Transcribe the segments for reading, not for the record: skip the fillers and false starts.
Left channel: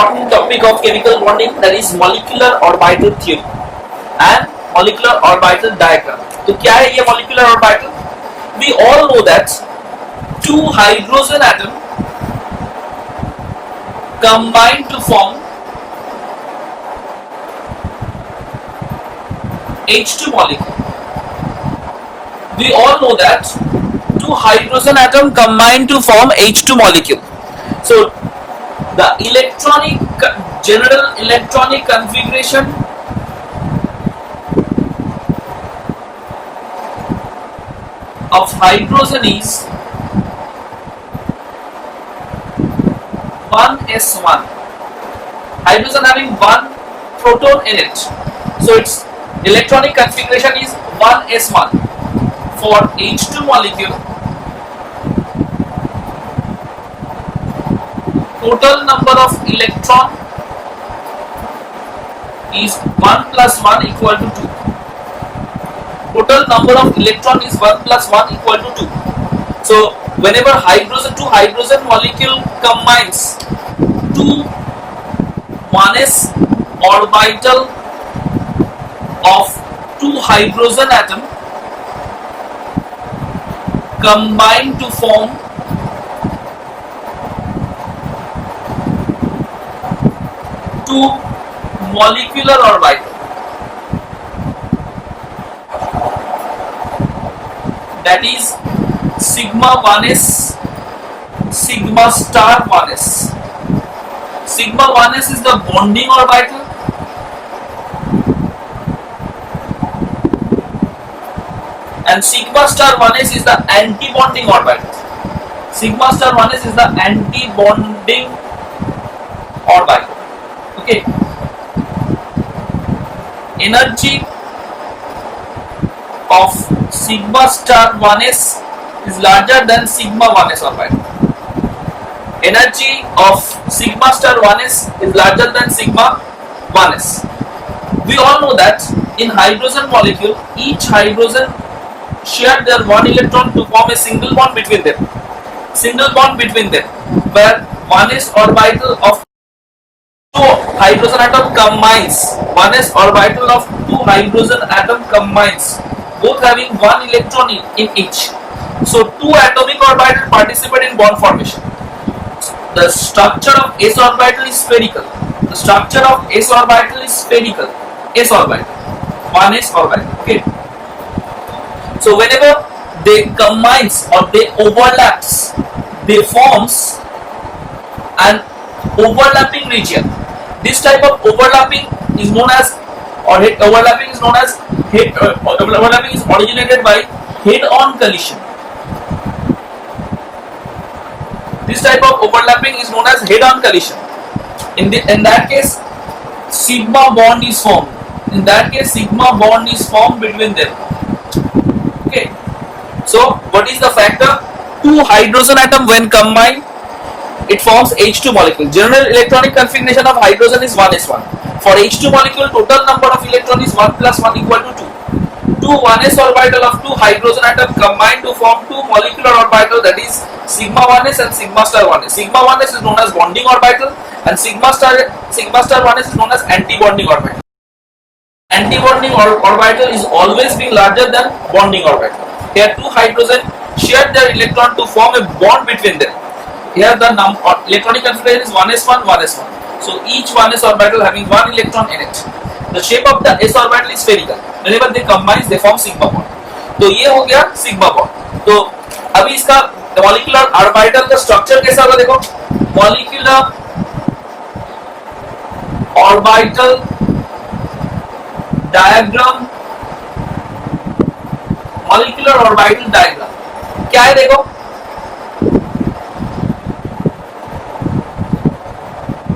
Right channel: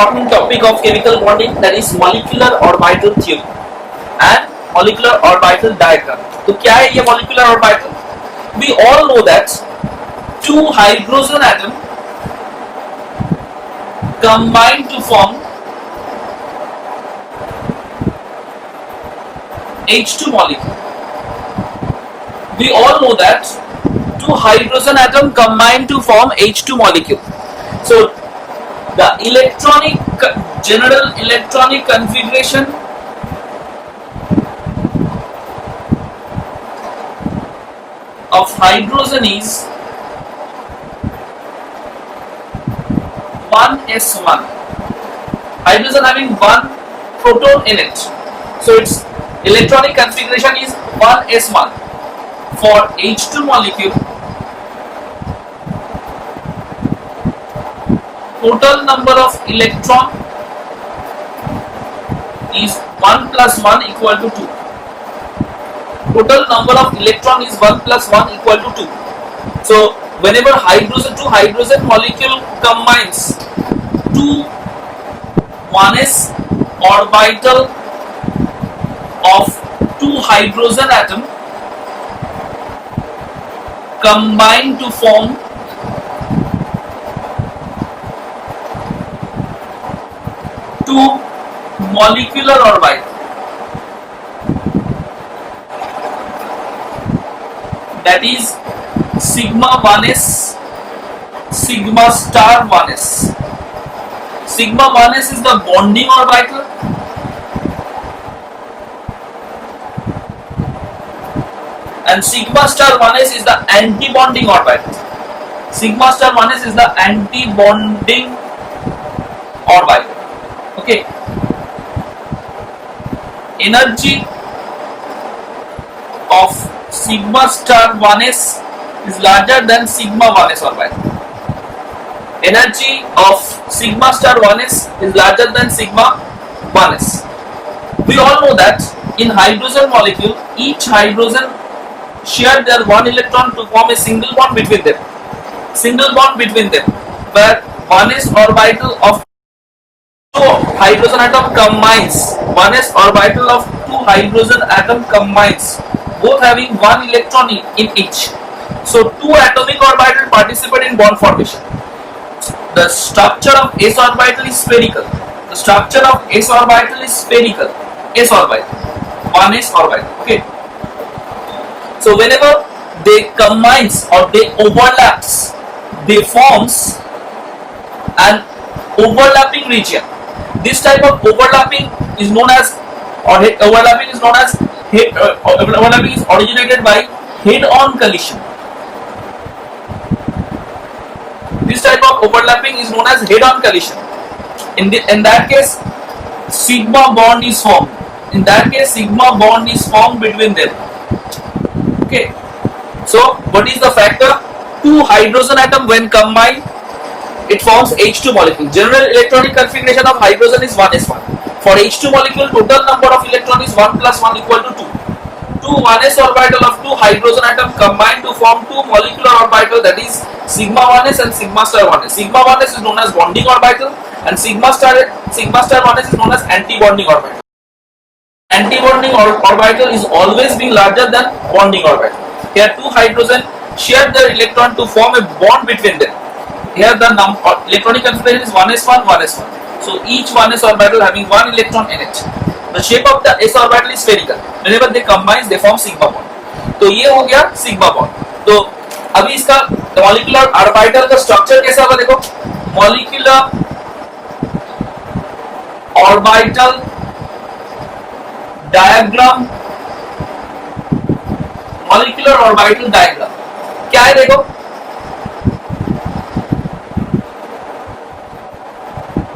important topic of chemical bonding, that is molecular orbital theory and molecular orbital diagram. तो क्या है ये molecular orbital? We all know that two hydrogen atom combine to form H2 molecule. We all know that two hydrogen atom combine to form H2 molecule. So the general electronic configuration of hydrogen is 1s1. Hydrogen having one proton in it, so its electronic configuration is 1s1. For H2 molecule, total number of electron is 1 plus 1 equal to 2. Total number of electron is 1 plus 1 equal to 2. So whenever two hydrogen molecule combines to 1s orbital of two hydrogen atom combine to form two molecular orbital, that is sigma 1s, sigma star 1s. Sigma 1s is the bonding orbital and sigma star 1s is the anti-bonding orbital. Sigma star 1s is the anti-bonding orbital. Okay. Energy of sigma star 1s is larger than sigma 1s orbital. Energy of sigma star 1s is larger than sigma 1s. We all know that in hydrogen molecule, each hydrogen share their one electron to form a single bond between them. Single bond between them, where 1s orbital of two hydrogen atom combines. 1s orbital of two hydrogen atom combines, both having one electron in each. So two atomic orbitals participate in bond formation. The structure of s orbital is spherical. The structure of s orbital is spherical. S orbital, 1s orbital. Okay. So whenever they combines or they overlaps, they forms an overlapping region. This type of overlapping is known as, overlapping is originated by head-on collision. This type of overlapping is known as head-on collision. In that case, sigma bond is formed. In that case, sigma bond is formed between them. Okay. So what is the factor? Two hydrogen atom when combined, it forms H2 molecule. General electronic configuration of hydrogen is 1s1. For H2 molecule, total number of electron is 1 plus 1 equal to 2. Two 1s orbital of two hydrogen atom combine to form two molecular orbital, that is sigma 1s and sigma star 1s. Sigma 1s is known as bonding orbital and sigma star 1s is known as anti-bonding orbital. Anti-bonding orbital is always being larger than bonding orbital. Here two hydrogen share their electron to form a bond between them. Here the electronic configuration is 1s1, 1s1. So each 1s orbital having one electron in it. The shape of the s orbital is spherical. Whenever they combine, they form sigma bond. तो ये हो गया sigma bond. तो अभी इसका molecular orbital का structure कैसा होगा देखो. Molecular orbital diagram. Molecular orbital diagram क्या है देखो.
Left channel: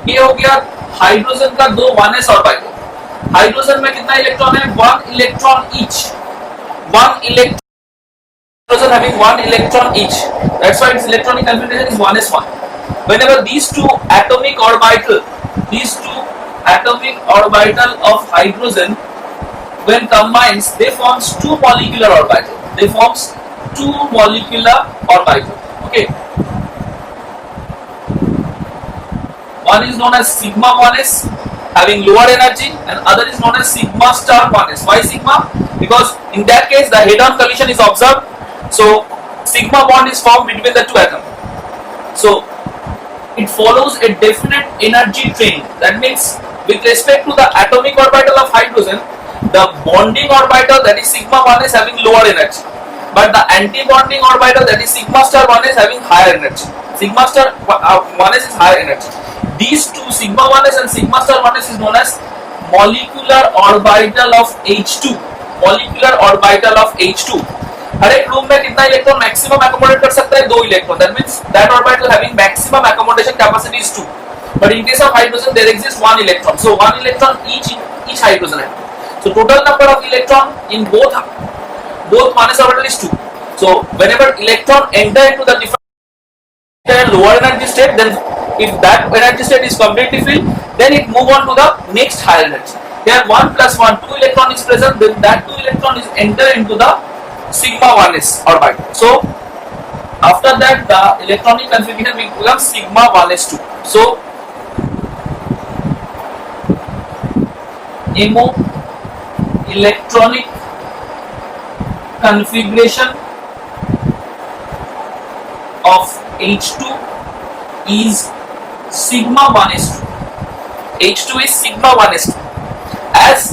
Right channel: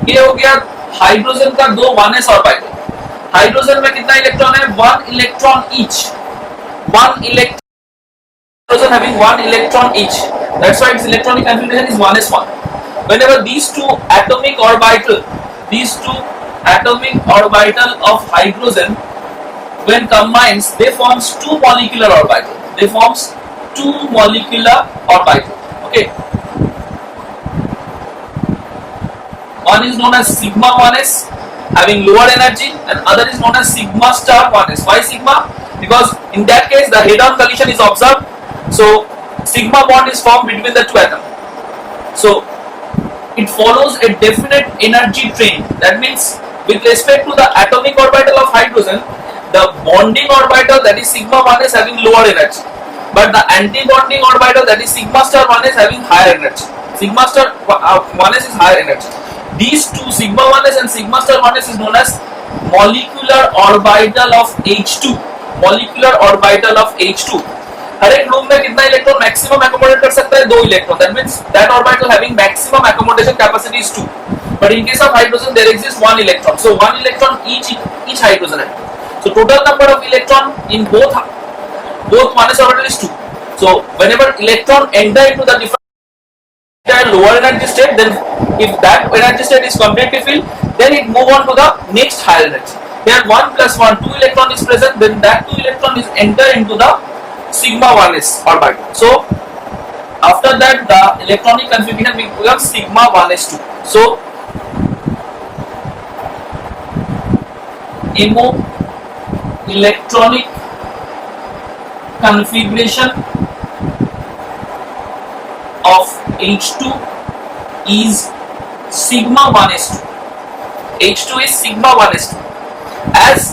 ये हो गया हाइड्रोजन का दो 1s ऑर्बिटल. हाइड्रोजन में कितना इलेक्ट्रॉन है? 1 electron each. 1 electron having 1 electron each. That's why its electronic configuration is 1s1. Whenever these two atomic orbital of hydrogen when combines, they forms two molecular orbital. Okay. One is known as sigma 1s having lower energy, and other is known as sigma star 1s. Why sigma? Because in that case the head-on collision is observed, so sigma bond is formed between the two atoms. So it follows a definite energy train. That means with respect to the atomic orbital of hydrogen, the bonding orbital, that is sigma 1s, having lower energy, but the anti-bonding orbital, that is sigma star 1s, having higher energy. Sigma star 1s is higher energy. These two, sigma 1s and sigma star 1s, is known as molecular orbital of H2. Molecular orbital of H2. हर एक room में कितना electron maximum accommodate कर सकता है? 2 electron. That means that orbital having maximum accommodation capacity is 2. But in case of hydrogen there exist 1 electron. So 1 electron each hydrogen atom. So total number of electron in both 1s orbital is 2. So whenever electron enter into the different lower energy state, then if that energy state is completely filled, then it move on to the next higher energy. Here 1 plus 1, 2 electron is present, then that 2 electron is enter into the sigma 1s orbital. So after that the electronic configuration becomes sigma 1s2. So MO electronic configuration of H2 is sigma 1s2. H2 is sigma 1s2. As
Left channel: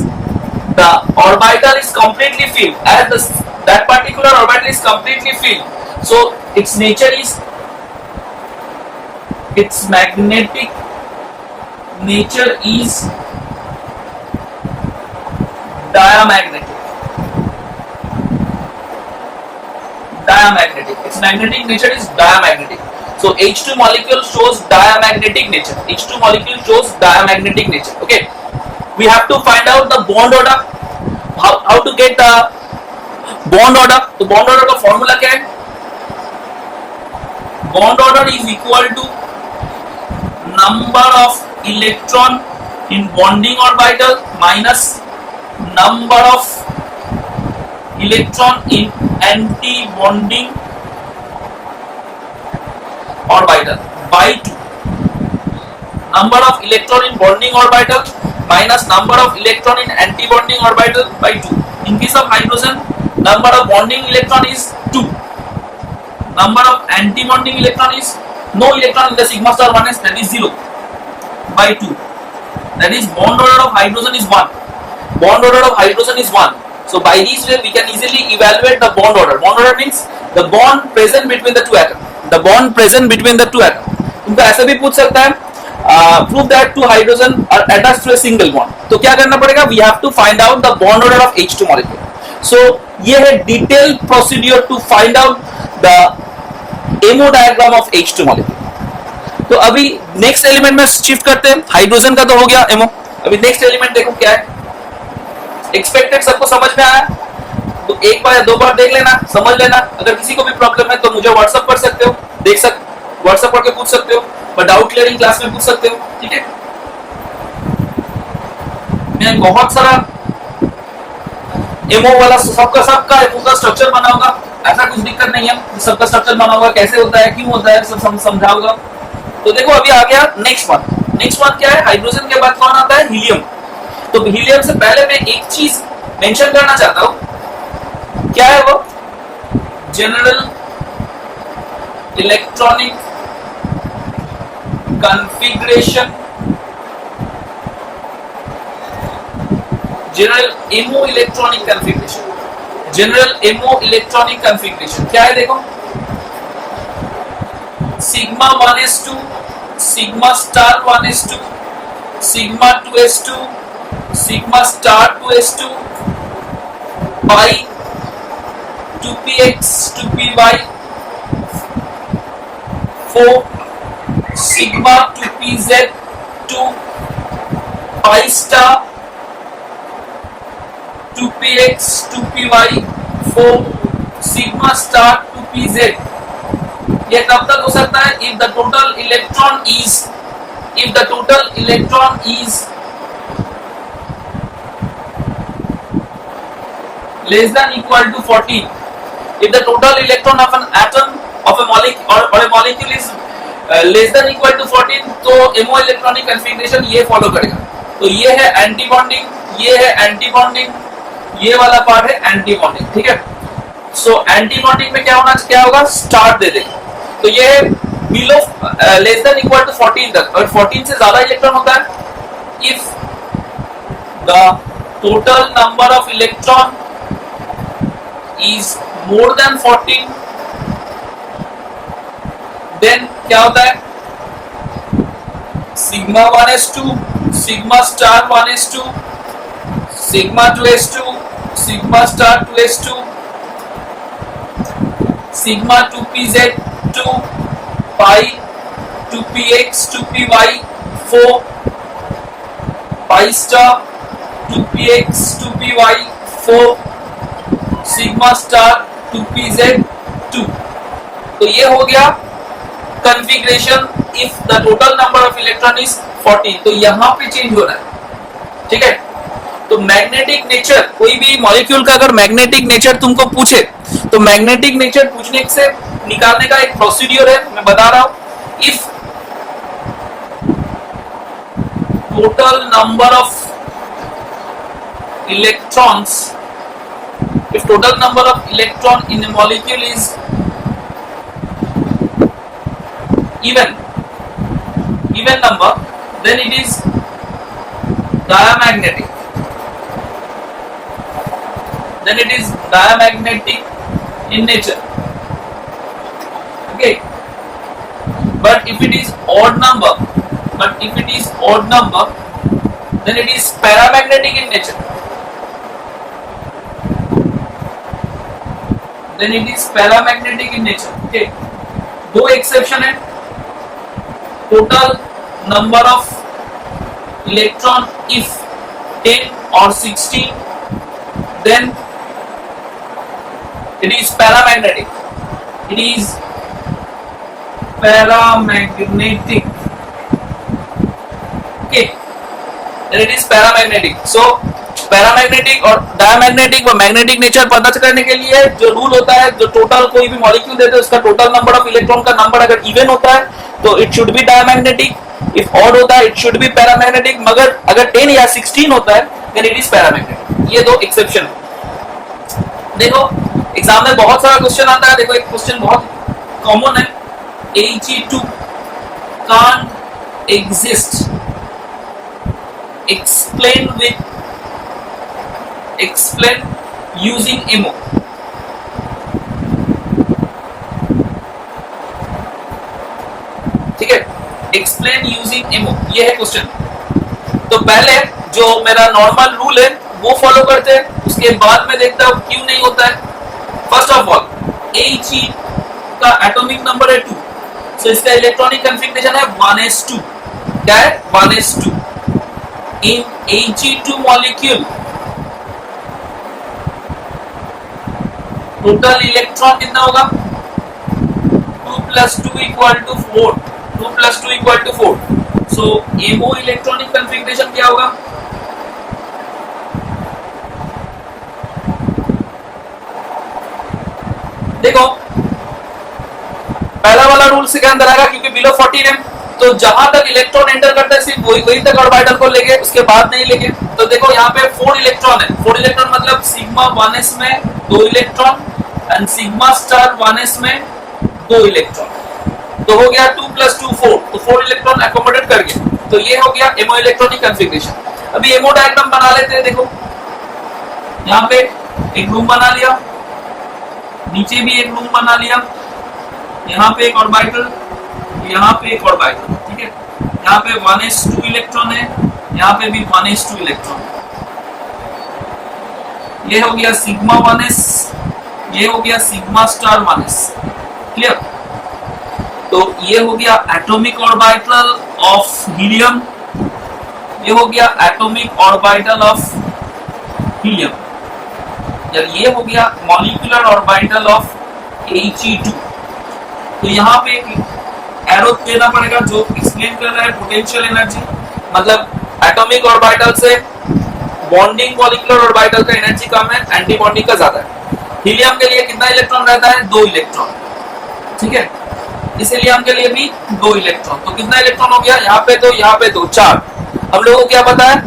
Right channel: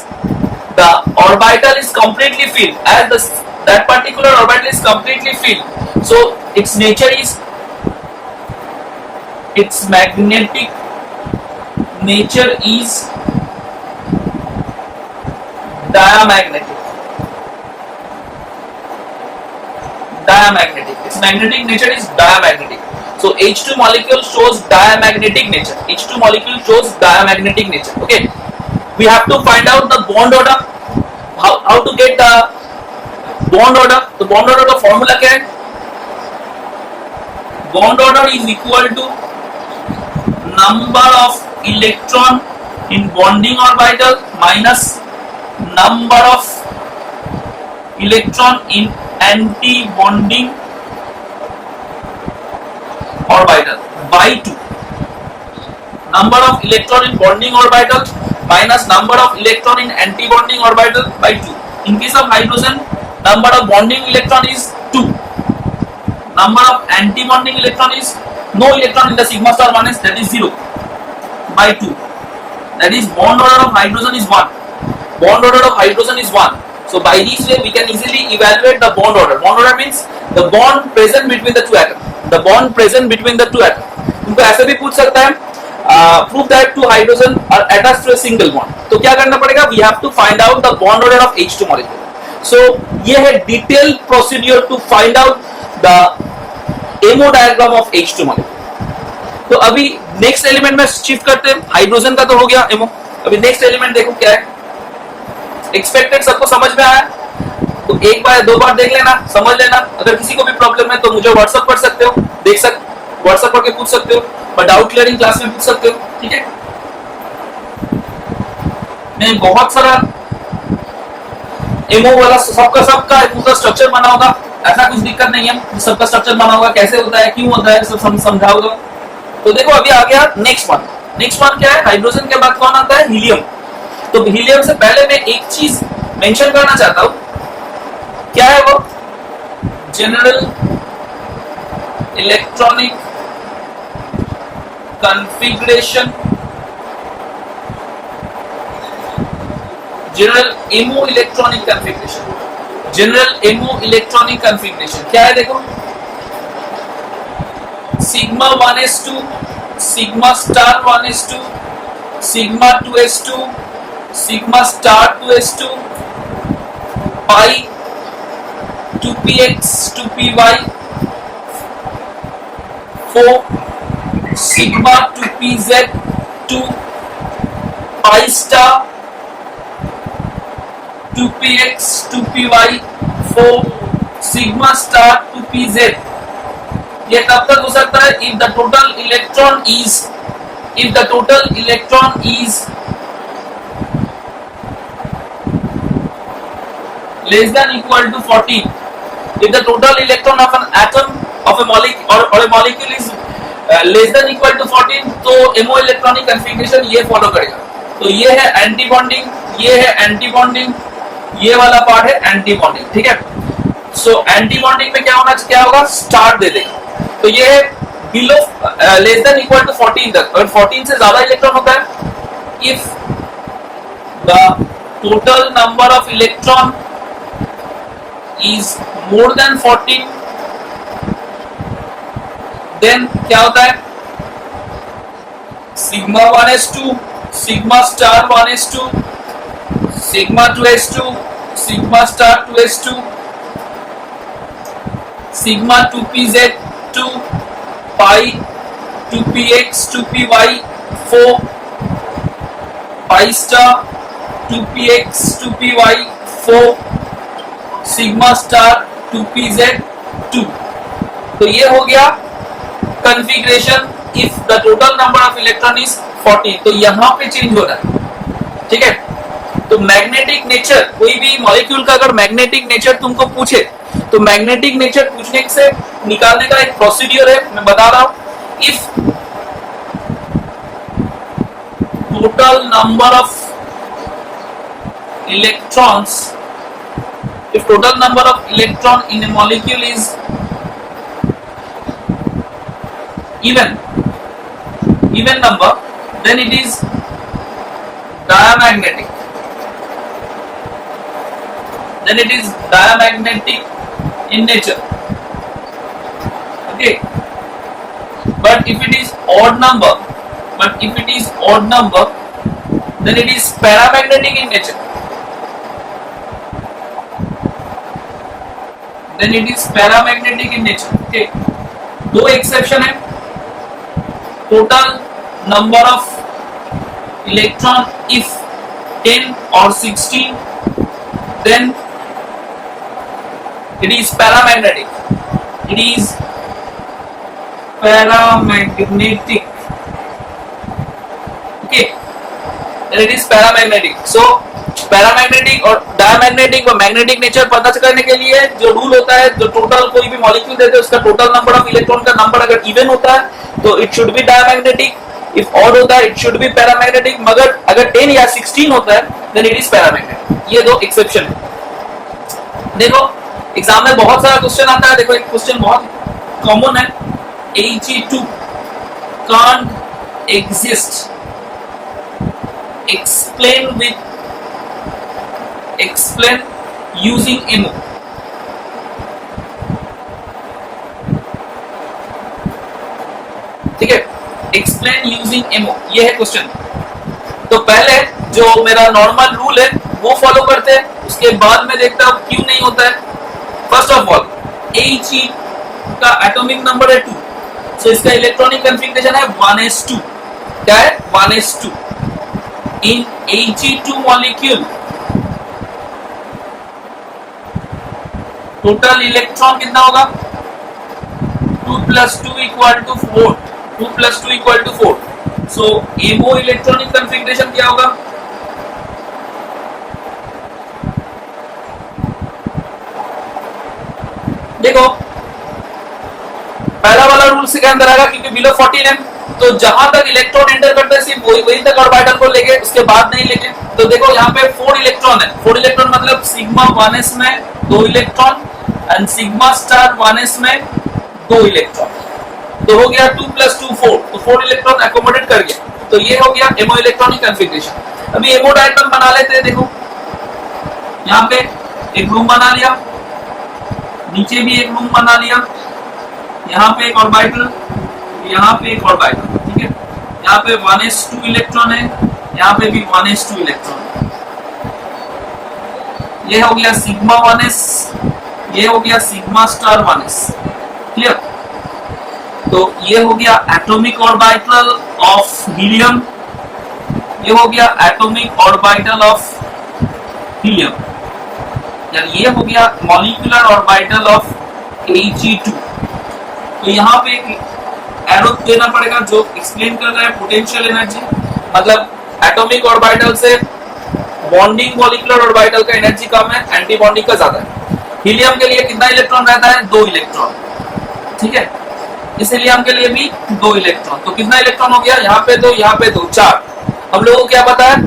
the orbital is completely filled, as that particular orbital is completely filled, so its nature is, its magnetic nature is diamagnetic. Its magnetic nature is diamagnetic. So H2 molecule shows diamagnetic nature. H2 molecule shows diamagnetic nature. Okay. We have to find out the bond order. How to get the bond order? तो bond order का formula क्या है? Bond order is equal to number of electron in bonding orbital minus number of electron in anti-bonding orbital by 2. Number of electron in bonding orbital minus number of electron in anti-bonding orbital by 2. In case of hydrogen, number of bonding electron is 2. Number of anti-bonding electron is no electron in the sigma star 1s, that is 0 by 2. That is bond order of hydrogen is 1. Bond order of hydrogen is 1. So by this way we can easily evaluate the bond order. Bond order means the bond present between the two atoms. The bond present between the two atoms. इनको ऐसे भी पूछ सकता है, prove that two hydrogen are attached to a single bond. तो क्या करना पड़ेगा? We have to find out the bond order of H2 molecule. So ये है detailed procedure to find out the MO diagram of H2 molecule. तो अभी next element में shift करते हैं. हाइड्रोजन का तो हो गया MO. अभी नेक्स्ट एलिमेंट देखो क्या है. एक्सपेक्टेड सबको समझ में आया? तो एक बार या दो बार देख लेना, समझ लेना. अगर किसी को भी प्रॉब्लम है तो मुझे व्हाट्सएप कर सकते हो, व्हाट्सएप करके पूछ सकते हो, और डाउट क्लियरिंग क्लास में पूछ सकते हो. ठीक है. मैंने बहुत सारा एमओ वाला सबका पूरा स्ट्रक्चर बना होगा, ऐसा कुछ दिक्कत नहीं है. सबका स्ट्रक्चर बना होगा, कैसे होता है, क्यों होता है, सब समझाऊंगा. तो देखो अभी आ गया नेक्स्ट वन क्या है? हाइड्रोजन के बाद कौन आता है? हीलियम. तो हीलियम से पहले मैं एक चीज मेंशन करना चाहता हूं. क्या है वो? General electronic configuration, general MO electronic configuration. General MO electronic configuration क्या है? देखो, sigma 1s2, sigma star 1s2, sigma 2s2, sigma star 2s2, pi 2px 2py, 4 sigma 2pz 2 pi star 2px 2py 4 sigma star 2pz. ये तब तक हो सकता है if the total electron is less than equal to 14. If the total electron of an atom of a molecule or a molecule is less than equal to 14 तो MO electronic configuration ये follow करेगा। तो ये है anti bonding, ये है anti bonding, ये वाला पार्ट है एंटी बॉन्डिंग, ठीक है। सो एंटी बॉन्डिंग में क्या होगा, स्टार दे देगा। तो ये है below less than equal to 14 तक। अगर 14 से ज्यादा इलेक्ट्रॉन होता है, if the total number of electron is more than 14, then क्या होता है, sigma 1s2, sigma star 1s2, sigma 2s2, sigma star 2s2, sigma 2pz2, pi 2px 2py 4, pi star 2px 2py 4, sigma star 2pz2। तो ये हो गया configuration if the total number of electron is 14। तो यहां पे चेंज हो रहा है, ठीक है। तो मैग्नेटिक नेचर, कोई भी मॉलिक्यूल का अगर मैग्नेटिक नेचर तुमको पूछे, तो मैग्नेटिक नेचर पूछने से निकालने का एक प्रोसीड्यूर है, मैं बता रहा हूं। If total number of electrons, if total number of electron in a molecule is even number, then it is diamagnetic. Then it is diamagnetic in nature. Okay. But if it is odd number, then it is paramagnetic in nature. Then it is paramagnetic in nature. Okay. दो exception है, total number of electron if 10 और 16, then it is paramagnetic. It is paramagnetic. Okay. Then it is paramagnetic. So paramagnetic और diamagnetic और magnetic nature पता करने के लिए जो रूल होता है, जो टोटल कोई भी मॉलिक्यूल देते हैं उसका टोटल नंबर ऑफ इलेक्ट्रॉन का नंबर अगर इवन होता है तो it should be diamagnetic, if odd होता है इट शुड बी पैरामैग्नेटिक, मगर अगर 10 या 16 होता है देन इट इज पैरामैग्नेटिक। ये दो एक्सेप्शन है। देखो एग्जाम में बहुत सारा क्वेश्चन आता है। देखो एक क्वेश्चन बहुत कॉमन है, He2 can't exist, explain using MO। ठीक है, एक्सप्लेन यूजिंग MO, ये है क्वेश्चन। तो पहले जो मेरा नॉर्मल रूल है वो फॉलो करते हैं, उसके बाद में देखता हूं क्यों नहीं होता है। फर्स्ट ऑफ ऑल He का एटॉमिक नंबर है 2, सो इसका इलेक्ट्रॉनिक कॉन्फ़िगरेशन है 1s2। क्या है, 1s2। इन He2 मॉलिक्यूल टोटल इलेक्ट्रॉन कितना होगा, 2 + 2 = 4, 2 + 2 = 4। सो MO इलेक्ट्रॉनिक कॉन्फ़िगरेशन क्या होगा, देखो पहला वाला रूल से क्या अंदर आएगा, क्योंकि बिलो 14 है तो जहां तक इलेक्ट्रॉन एंटर करता है सिर्फ वही तक ऑर्बिटल को लेके, उसके बाद नहीं लेके। तो देखो यहाँ पे 4 इलेक्ट्रॉन है, 4 इलेक्ट्रॉन मतलब सिग्मा 1s में 2 electron and sigma star 1s में 2 इलेक्ट्रॉन। तो हो गया 2 + 2 4, तो 4 इलेक्ट्रॉन एकोमोडेट कर गया। तो ये हो गया एमओ इलेक्ट्रॉनिक कॉन्फ़िगरेशन। अभी एमओ डायग्राम बना लेते हैं। देखो यहाँ पे एक रूम बना लिया, नीचे भी एक रूम बना लिया, यहाँ पे एक ऑर्बिटल, यहाँ पे एक ऑर्बिटल, ठीक है। यहाँ पे 1s2 इलेक्ट्रॉन है, यहाँ पे भी 1s2 इलेक्ट्रॉन। ये हो गया सिग्मा 1s, ये हो गया सिग्मा स्टार 1s। क्लियर। तो ये हो गया एटॉमिक ऑर्बिटल ऑफ हीलियम, ये हो गया एटॉमिक ऑर्बिटल ऑफ हीलियम, यार ये हो गया मॉलिक्यूलर ऑर्बिटल ऑफ He2। तो यहाँ पे एरो देना पड़ेगा जो एक्सप्लेन कर रहा है पोटेंशियल एनर्जी, मतलब एटॉमिक ऑर्बिटल से बॉन्डिंग मॉलिक्यूलर ऑर्बिटल का एनर्जी कम है, एंटी बॉन्डिंग का ज्यादा है। हीलियम के लिए कितना इलेक्ट्रॉन रहता है, 2 इलेक्ट्रॉन, ठीक है। हीलियम के लिए भी 2 इलेक्ट्रॉन। तो कितना इलेक्ट्रॉन हो गया, यहाँ पे 2, यहाँ पे 2, 4। हम लोगों को क्या पता है,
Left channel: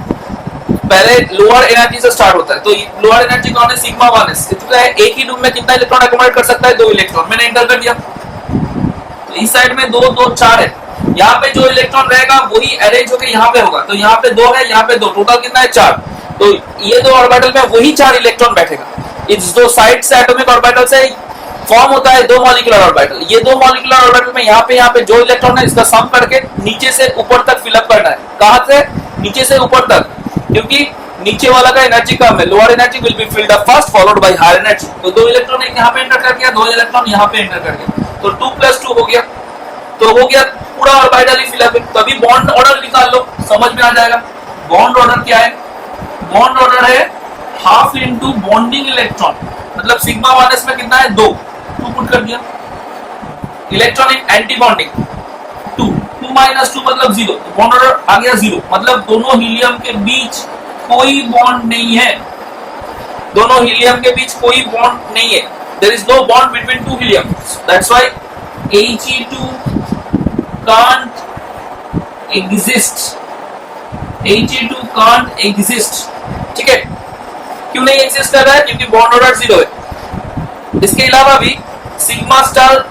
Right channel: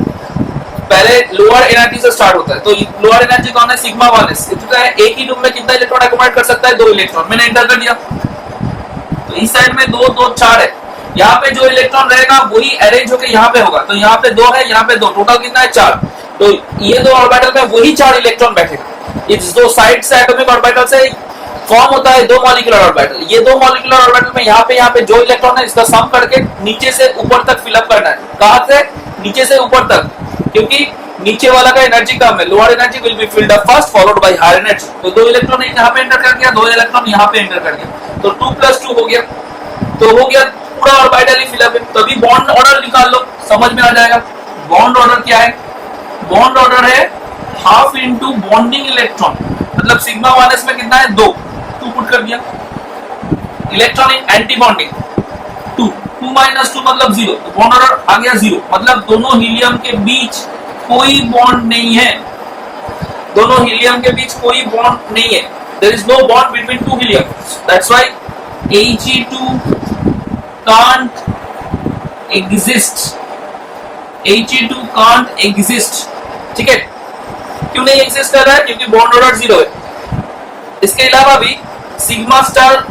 पहले लोअर एनर्जी से स्टार्ट होता है, तो लोअर एनर्जी कौन है, सिग्मा 1s। चुका है एक ही लूप में कितना इलेक्ट्रॉन अकोमोडेट कर सकता है, 2 इलेक्ट्रॉन। मैंने एंटर कर दिया, तो इस साइड में 2 2 4 है। यहाँ पे जो इलेक्ट्रॉन रहेगा वही अरेंज होकर यहाँ पे होगा, तो यहाँ पे 2 है, यहाँ पे 2, टोटल कितना है 4। तो ये 2 ऑर्बिटल में वही 4 इलेक्ट्रॉन बैठेगा। इस 2 साइड से एटॉमिक ऑर्बिटल से फॉर्म होता है 2 मॉलिक्यूलर ऑर्बिटल। ये 2 मॉलिक्यूलर ऑर्बिटल में यहाँ पे जो इलेक्ट्रॉन है इसका सम करके नीचे से ऊपर तक फिलअप करना है। कहां से, नीचे से ऊपर तक, क्योंकि नीचे वाला का एनर्जी कम है। Lower energy will be filled up first followed by higher energy. तो 2 इलेक्ट्रॉन एक यहाँ पे एंटर कर दिया, 2 इलेक्ट्रॉन यहाँ पे एंटर कर दिया, तो 2 + 2 हो गया। तो हो गया पूरा ऑर्बिटल ही फिलअप है। तभी बॉन्ड ऑर्डर निकाल लो, समझ में आ जाएगा। बॉन्ड ऑर्डर क्या है, बॉन्ड ऑर्डर है हाफ इनटू बॉन्डिंग इलेक्ट्रॉन, मतलब सिग्मा 1s में कितना है 2 पुट कर दिया। इलेक्ट्रॉन इन एंटी बॉन्डिंग 2 2 - 2 मतलब 0, तो बॉन्ड ऑर्डर आ गया 0, मतलब दोनों हीलियम के बीच कोई बॉन्ड नहीं है। दोनों हीलियम के बीच कोई बॉन्ड नहीं है। There is no bond between 2 helium, that's why He2 can't exist। He2 can't exist, ठीक है। क्यों नहीं एग्जिस्ट कर रहा है, क्योंकि बॉन्ड ऑर्डर 0 है। इसके अलावा भी sigma star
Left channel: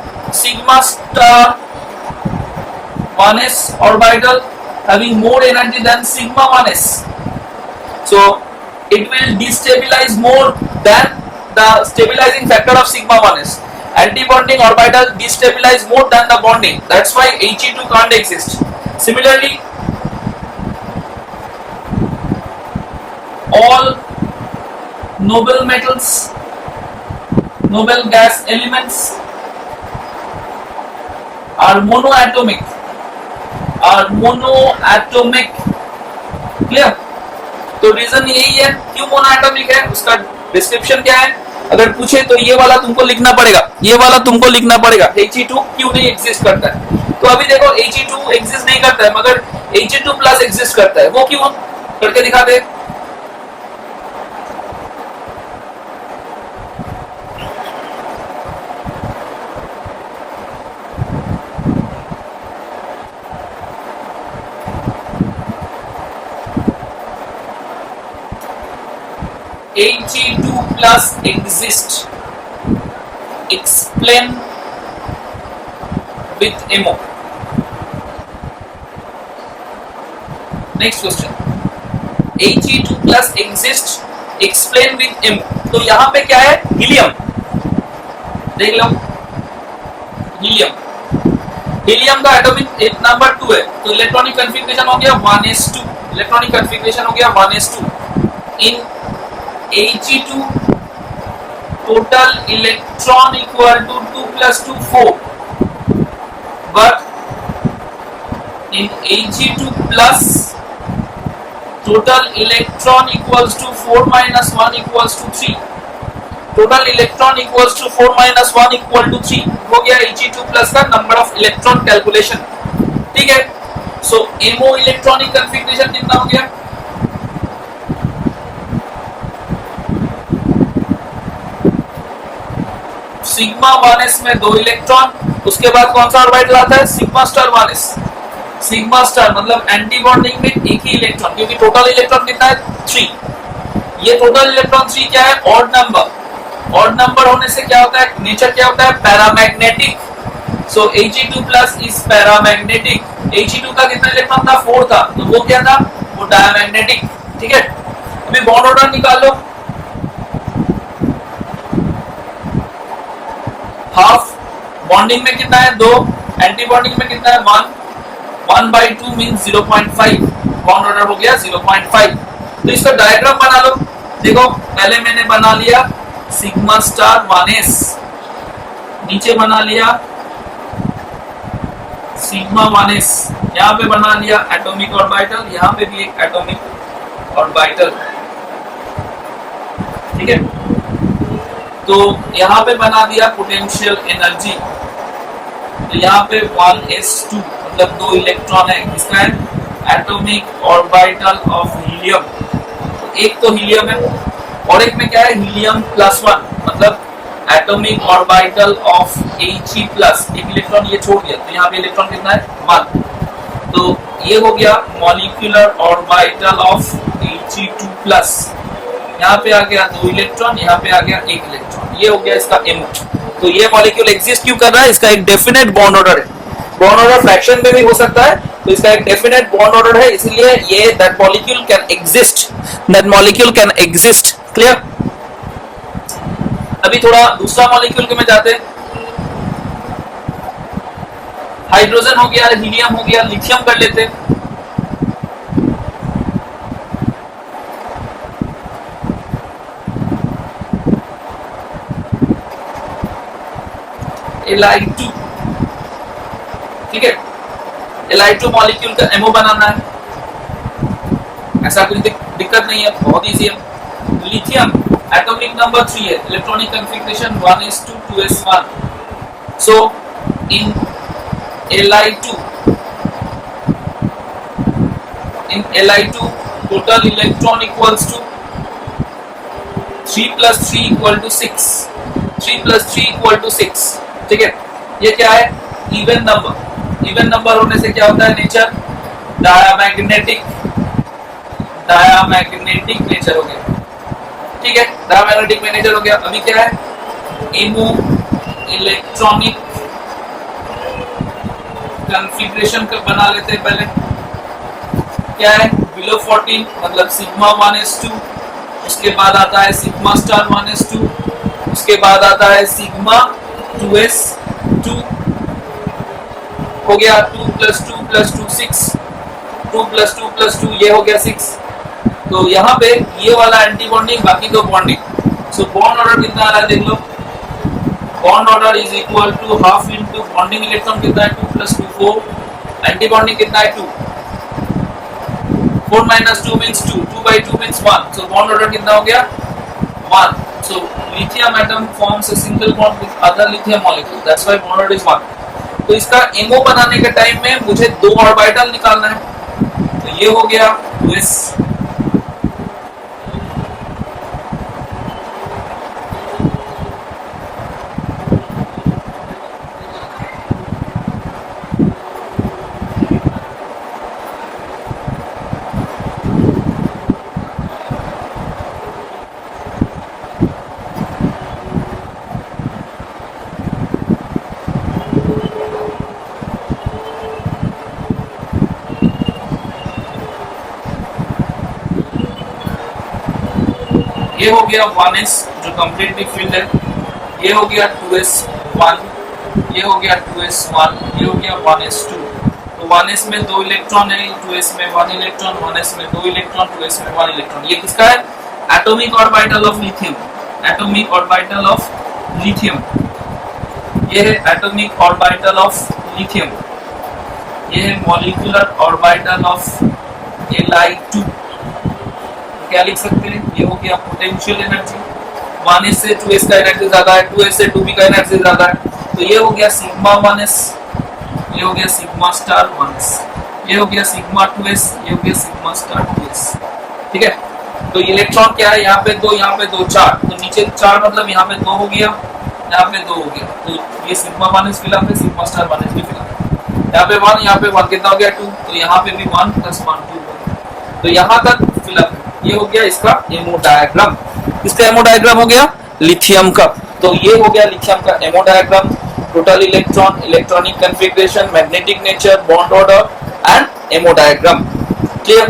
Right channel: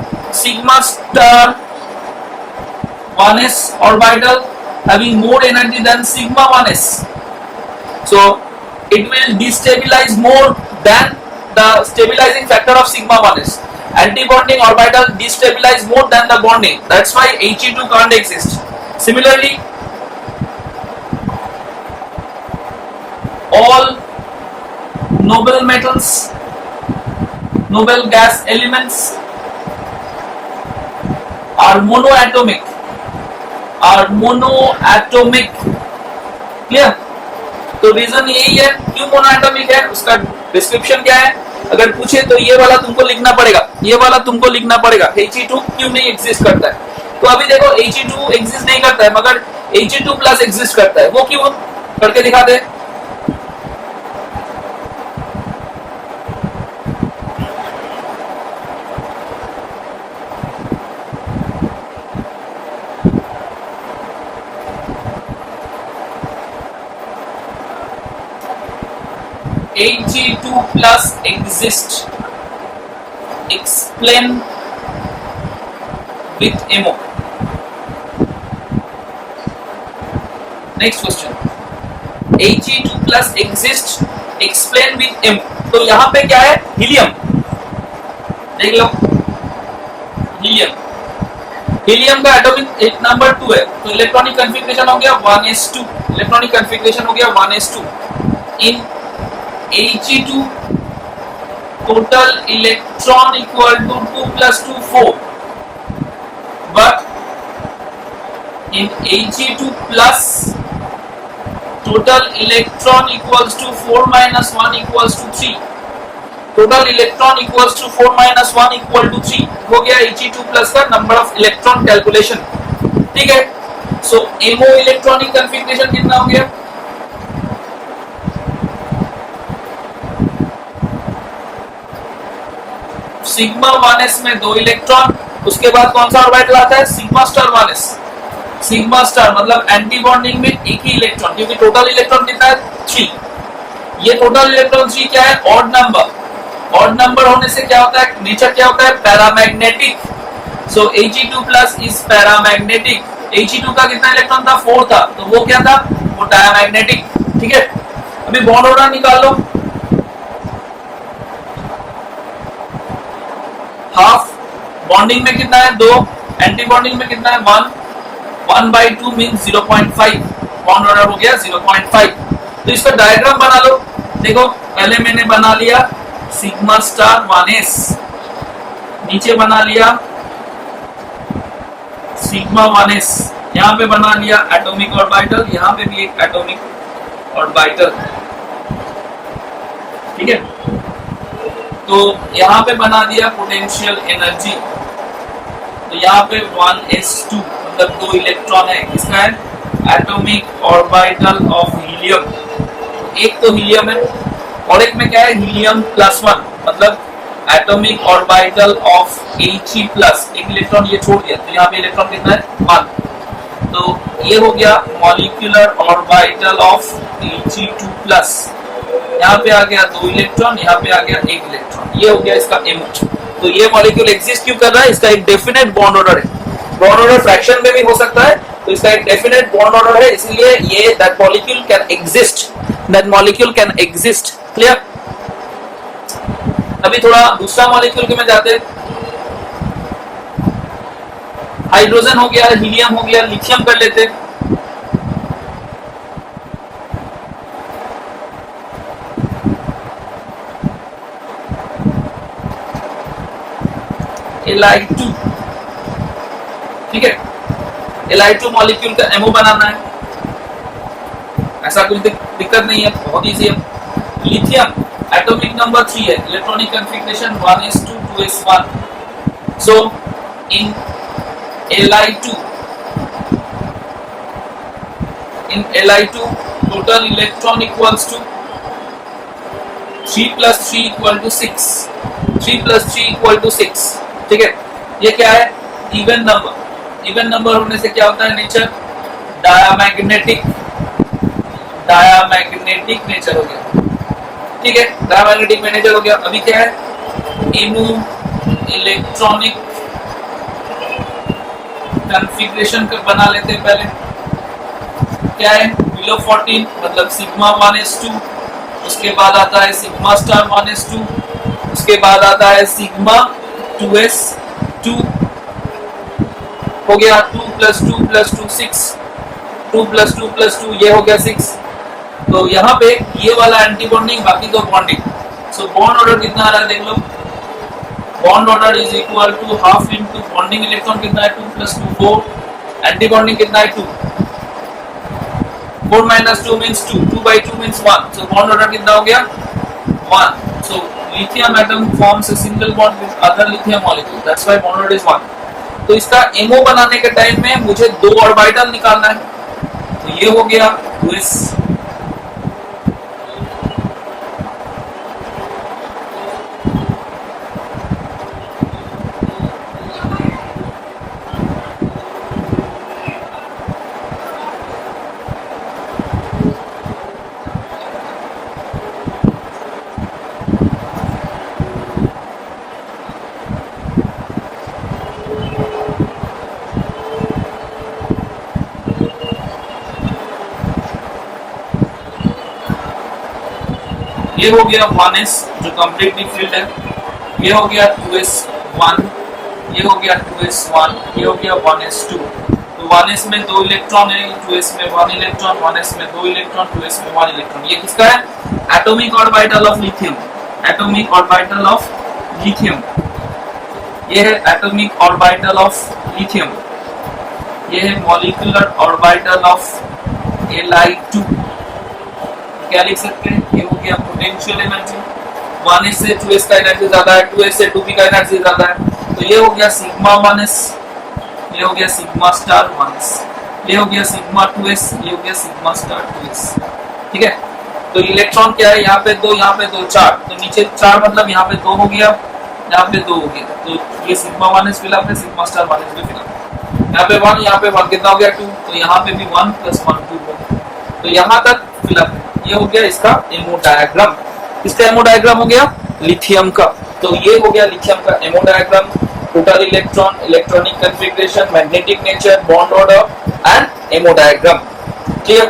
1s orbital having more energy than sigma 1s, so it will destabilize more than the stabilizing factor of sigma 1s. Anti-bonding orbital destabilize more than the bonding, that's why He2 can't exist. Similarly, all noble metals, noble gas elements are monoatomic, clear। तो reason यही है क्यों monoatomic है, उसका description क्या है। अगर पूछे तो ये वाला तुमको लिखना पड़ेगा, ये वाला तुमको लिखना पड़ेगा, He2 क्यों नहीं एग्जिस्ट करता है। तो अभी देखो He2 एग्जिस्ट नहीं करता है, मगर He2+ एग्जिस्ट करता है। वो क्यों, करके दिखाते हैं। He2+ exist, explain with MO। Next question, He2+ exist, explain with MO। तो यहाँ पे क्या है, हीलियम, देख लो हीलियम। हीलियम का एटॉमिक नंबर 2 है, तो इलेक्ट्रॉनिक कॉन्फ़िगरेशन हो गया 1s2। इलेक्ट्रॉनिक कॉन्फ़िगरेशन हो गया 1s2। In He2 total electron equal to 2 + 2 4, but in He2+ total electron equals to 4 - 1 equals to 3। total electron equals to 4 - 1 equal to 3 हो गया He2+ का नंबर ऑफ इलेक्ट्रॉन कैलकुलेशन, ठीक है। सो MO electronic configuration कितना हो गया, सिग्मा 1s में 2 electron, उसके बाद कौन सा ऑर्बिटल आता है, sigma star 1s। Sigma star मतलब एंटी बॉन्डिंग में एक ही इलेक्ट्रॉन, क्योंकि टोटल इलेक्ट्रॉन कितना है 3। ये टोटल इलेक्ट्रॉन 3 क्या है, ऑड नंबर। ऑड नंबर होने से क्या होता है, नेचर क्या होता है, paramagnetic. So He2+ is paramagnetic. He2 का कितना इलेक्ट्रॉन था, 4 था, तो वो क्या था, वो डायमैग्नेटिक, ठीक है। अभी बॉन्ड ऑर्डर निकाल लो। हाफ बॉन्डिंग में कितना है 2, एंटी बॉन्डिंग में कितना है 1, 1/2 मींस 0.5। बॉन्ड ऑर्डर हो गया 0.5। तो इसका डायग्राम बना लो। देखो पहले मैंने बना लिया सिग्मा स्टार 1s, नीचे बना लिया सिग्मा 1s, यहाँ पे बना लिया एटॉमिक ऑर्बिटल, यहाँ पे भी एक एटॉमिक ऑर्बिटल, ठीक है। तो यहाँ पे बना दिया पोटेंशियल एनर्जी, तो यहाँ पे 1s2 मतलब 2 इलेक्ट्रॉन है, किसका है, एटॉमिक ऑर्बिटल ऑफ हीलियम। एक तो हीलियम है और एक में क्या है, हीलियम+1 मतलब atomic orbital of He plus, एक इलेक्ट्रॉन ये छोड़ दिया तो यहाँ पे इलेक्ट्रॉन कितना है 1, तो ये हो गया molecular orbital of He2 plus, यहाँ पे आ गया 2 इलेक्ट्रॉन, यहाँ पे आ गया 1 इलेक्ट्रॉन, ये हो गया इसका MO। तो ये मॉलिक्यूल एग्जिस्ट क्यों कर रहा है, इसका एक डेफिनेट बॉन्ड ऑर्डर है, बॉन्ड ऑर्डर फ्रैक्शन में भी हो सकता है, तो इसका एक डेफिनेट बॉन्ड ऑर्डर है, इसलिए ये that molecule can exist, clear. अभी थोड़ा दूसरा मॉलिक्यूल के में जाते, हाइड्रोजन हो गया, हीलियम हो गया, लिथियम कर लेते। Li2, ठीक है, Li2 मॉलिक्यूल का एमओ बनाना है, ऐसा कुछ दिक्कत नहीं है, बहुत इजी है। लिथियम एटॉमिक नंबर 3 है, electronic configuration 1s2 2s1, so in Li2 total electron equals to 3 plus 3 equal to 6, 3 plus 3 equal to 6, ठीक है। ये क्या है, इवन नंबर, इवन नंबर होने से क्या होता है नेचर, डायमैग्नेटिक नेचर हो गया, ठीक है, डायमैग्नेटिक नेचर हो गया। अभी क्या है, एमो इलेक्ट्रॉनिक कॉन्फ़िगरेशन को बना लेते हैं पहले, क्या है बिलो 14 मतलब सिग्मा 1s2, उसके बाद आता है सिग्मा स्टार 1s2, उसके बाद आता है सिग्मा 2s2, हो गया 2 plus 2 plus 2 6, 2 plus 2 plus 2 ये हो गया 6, तो यहाँ पे ये वाला एंटी बॉन्डिंग, बाकी तो बॉन्डिंग। सो बॉन्ड ऑर्डर कितना आ रहा है देख लो, bond order is equal to half into bonding electron कितना है 2 plus 2 4, एंटी बॉन्डिंग कितना है 2, 4 minus 2 means 2, 2 by 2 means 1, so bond order कितना हो गया 1, so lithium atom forms a single bond with other lithium molecule, that's why bond order is 1। तो इसका ammo बनाने के टाइम में मुझे 2 ऑर्बिटल निकालना है, तो ये हो गया 2s, ये हो गया 1s जो कंप्लीटली फिल्ड है, ये हो गया 2s1, ये हो गया 2s1, ये हो गया 1s2, तो 1s में 2 इलेक्ट्रॉन है, 2s में 1 इलेक्ट्रॉन, 1s में 2 इलेक्ट्रॉन, 2s में 1 इलेक्ट्रॉन। ये किसका है, atomic orbital of lithium, atomic orbital of lithium, ये है एटॉमिक ऑर्बिटल ऑफ लिथियम, ये है मॉलिक्यूलर ऑर्बिटल ऑफ Li2। क्या लिख सकते हैं, ये हो गया पोटेंशियल एनर्जी, 1s से 2s का एनर्जी ज्यादा है, 2s से 2p का एनर्जी ज्यादा है, तो ये हो गया सिग्मा 1s, ये हो गया सिग्मा स्टार 1s, ये हो गया सिग्मा 2s, ये हो गया सिग्मा स्टार 2s, ठीक है। तो इलेक्ट्रॉन क्या है, यहाँ पे 2, यहाँ पे 2, 4, तो नीचे 4 मतलब यहाँ पे 2 हो गया, यहाँ पे 2 हो गया, तो ये सिग्मा 1s फिलअप है, सिग्मा स्टार 1s भी फिलअप है, यहाँ पे 1, यहाँ पे 1 कितना हो गया 2, तो यहाँ पे भी 1 plus 1 2, तो यहाँ तक फिलअप है। ये हो गया इसका एमओ डायग्राम, इसका एमओ डायग्राम हो गया लिथियम का, तो ये हो गया लिथियम का ammo diagram, total electron, electronic configuration, magnetic nature, bond order and ammo diagram, clear.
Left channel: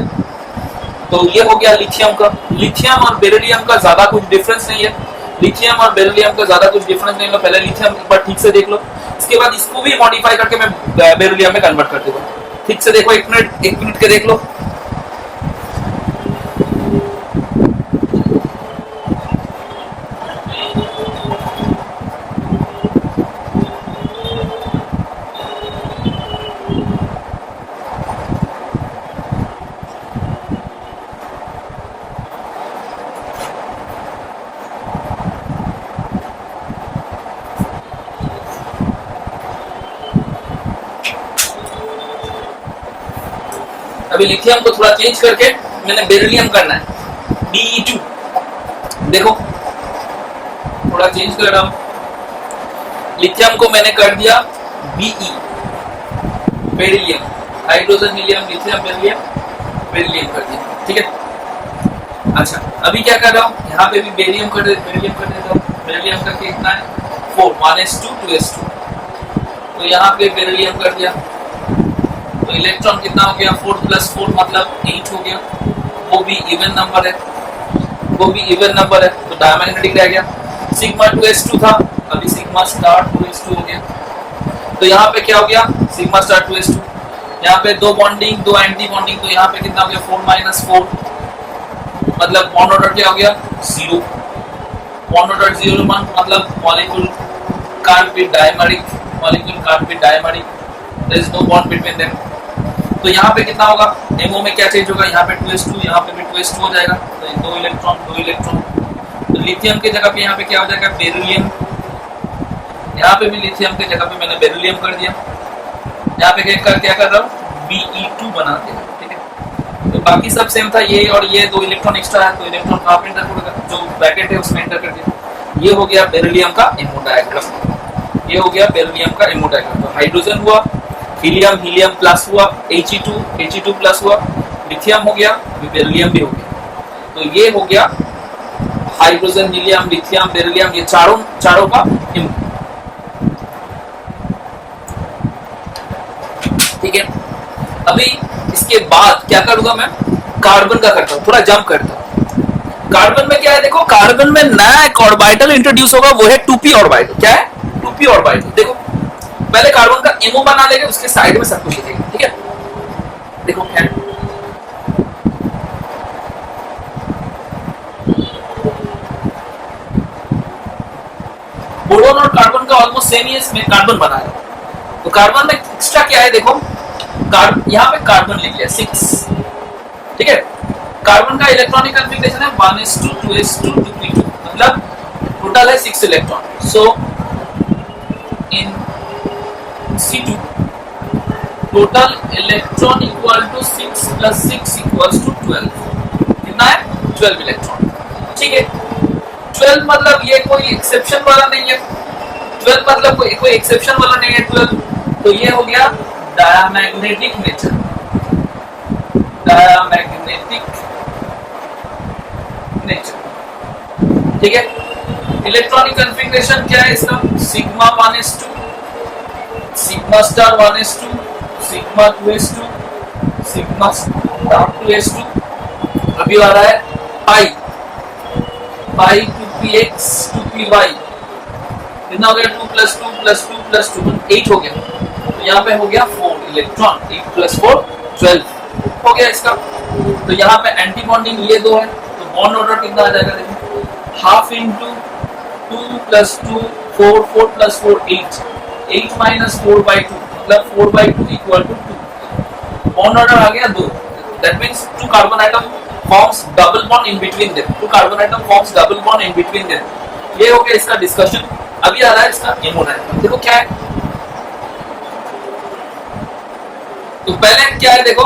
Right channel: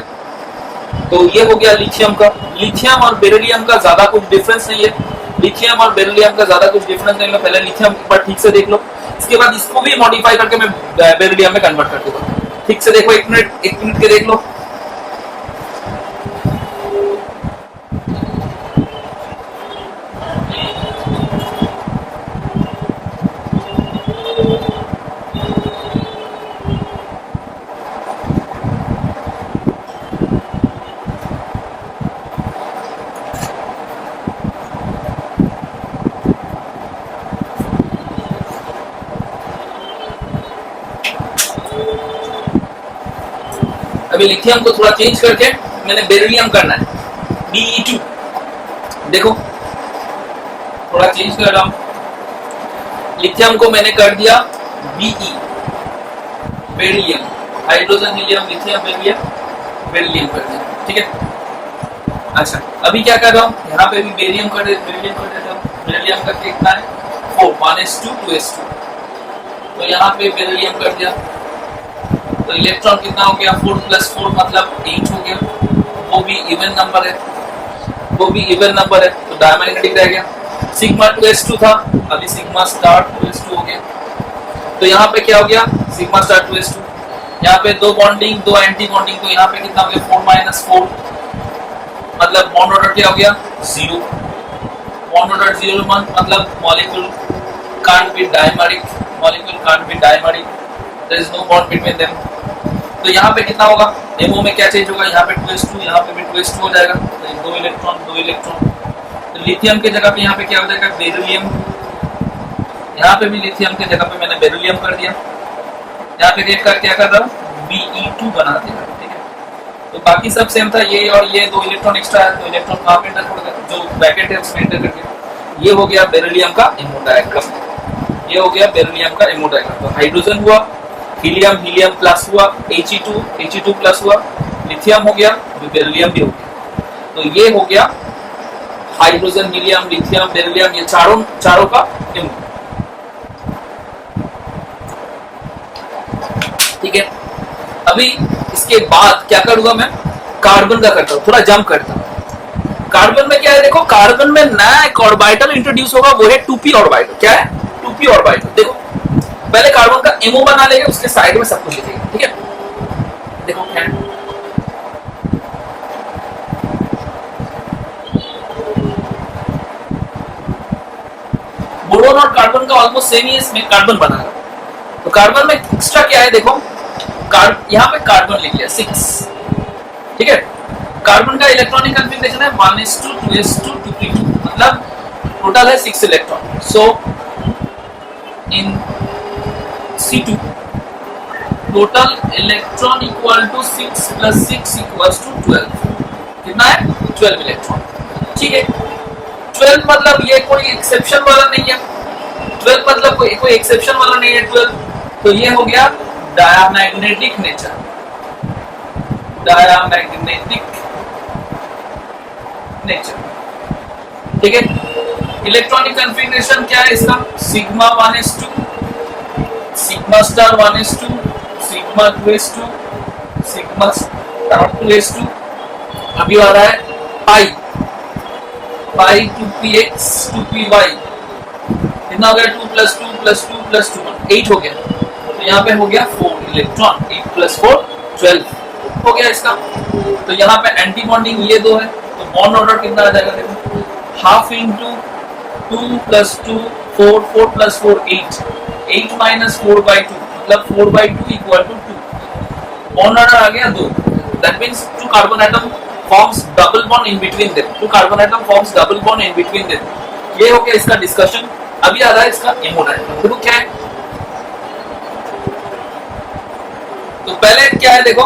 तो ये हो गया लिथियम का। लिथियम और बेरिलियम का ज्यादा कुछ डिफरेंस नहीं है, लिथियम और बेरिलियम का ज्यादा कुछ डिफरेंस नहीं है, पहले लिथियम एक बार ठीक से देख लो, इसके बाद इसको भी मॉडिफाई करके मैं बेरिलियम में कन्वर्ट कर दूंगा, ठीक से देखो, एक मिनट के देख लो। अभी लिथियम को थोड़ा चेंज करके मैंने बेरिलियम करना है, Be2, देखो थोड़ा चेंज कर रहा हूं, लिथियम को मैंने कर दिया Be, beryllium, hydrogen helium lithium beryllium, beryllium कर दिया, ठीक है। अच्छा अभी क्या कर रहा हूँ, यहाँ पे भी बेरिलियम कर देता हूँ। बेरिलियम करके कितना है 4, 1s2 2s2, तो यहाँ पे बेरिलियम कर दिया, तो इलेक्ट्रॉन कितना हो गया 4 + 4 मतलब 8 हो गया, वो भी इवन नंबर है, तो डायमैग्नेटिक रह गया। सिग्मा 2s2 था, अभी सिग्मा स्टार 2s2 हो गया, तो यहाँ पे क्या हो गया सिग्मा स्टार 2s2, यहाँ पे 2 बॉन्डिंग 2 एंटी बॉन्डिंग, तो यहाँ पे कितना हो गया 4 - 4 मतलब बॉन्ड ऑर्डर क्या हो गया 0, बॉन्ड ऑर्डर 0 मतलब molecule can't be dimeric, there is no bond between them। तो यहाँ पे कितना होगा MO में क्या चेंज होगा, यहाँ पे 2s2, यहाँ पे भी 2s2 हो जाएगा, तो 2 इलेक्ट्रॉन, तो लिथियम के जगह पे यहाँ पे क्या हो जाएगा बेरिलियम, यहाँ पे भी लिथियम के जगह पे मैंने बेरिलियम कर दिया, यहाँ पे क्या कर रहा हूँ Be2 बना दिया, ठीक है। तो बाकी सब सेम था, ये और ये 2 इलेक्ट्रॉन एक्स्ट्रा है, तो इलेक्ट्रॉन कहाँ पे इंटर होगा, जो ब्रैकेट है उसमें इंटर कर दिया। ये हो गया बेरिलियम का एमो डायग्राम, ये हो गया बेरिलियम का एमो डायग्राम। तो हाइड्रोजन हुआ, हीलियम प्लस हुआ, He2 प्लस हुआ, लिथियम हो गया, बेरिलियम भी हो गया। तो ये हो गया हाइड्रोजन, हीलियम, लिथियम, बेरिलियम, ये चारों का एमो, ठीक है। अभी इसके बाद क्या करूंगा मैं, कार्बन का करता हूँ, थोड़ा जंप करता हूँ। कार्बन में क्या है देखो, कार्बन में नया एक ऑर्बिटल इंट्रोड्यूस होगा, वो है 2p ऑर्बिटल। क्या है 2p ऑर्बिटल, देखो पहले कार्बन का एमओ बना लेंगे, उसके साइड में सब कुछ लिखेंगे, ठीक है। देखो क्या है, बोरोन और कार्बन का ऑलमोस्ट सेम ही है, इसमें कार्बन बना है। तो कार्बन में एक्स्ट्रा क्या है देखो, यहाँ पे कार्बन लिख लिया 6, ठीक है। कार्बन का इलेक्ट्रॉनिक कॉन्फ़िगरेशन है 1s2 2s2 2p2, मतलब टोटल है 6 electron. So in C2 total electron equal to 6 + 6 = 12, कितना है 12 इलेक्ट्रॉन, ठीक है। 12 मतलब ये कोई एक्सेप्शन वाला नहीं है, 12 मतलब कोई एक्सेप्शन वाला नहीं है 12, तो ये हो गया डायमैग्नेटिक नेचर, ठीक है। इलेक्ट्रॉनिक कॉन्फ़िगरेशन क्या है इसका, sigma 1s2, sigma star 1s2, sigma 2s2, sigma star 2s2, अभी आ रहा है पाई 2px 2py, कितना हो गया 2 + 2 + 2 + 2 8 हो गया, तो यहाँ पे हो गया 4 इलेक्ट्रॉन, 8 + 4 12 हो गया इसका। तो यहाँ पे एंटी बॉन्डिंग ये 2 है, तो बॉन्ड ऑर्डर कितना आ जाएगा देखो, हाफ इंटू 2 + 2 4 4 + 4 8 8 - 4/2 मतलब 4/2 = 2, बॉन्ड ऑर्डर आ गया 2, that means 2 carbon atom forms double bond in between them, 2 carbon atom forms double bond in between them. ये हो गया इसका डिस्कशन। अभी आ रहा है इसका एमो डायग्राम, देखो क्या है। तो पहले क्या है देखो,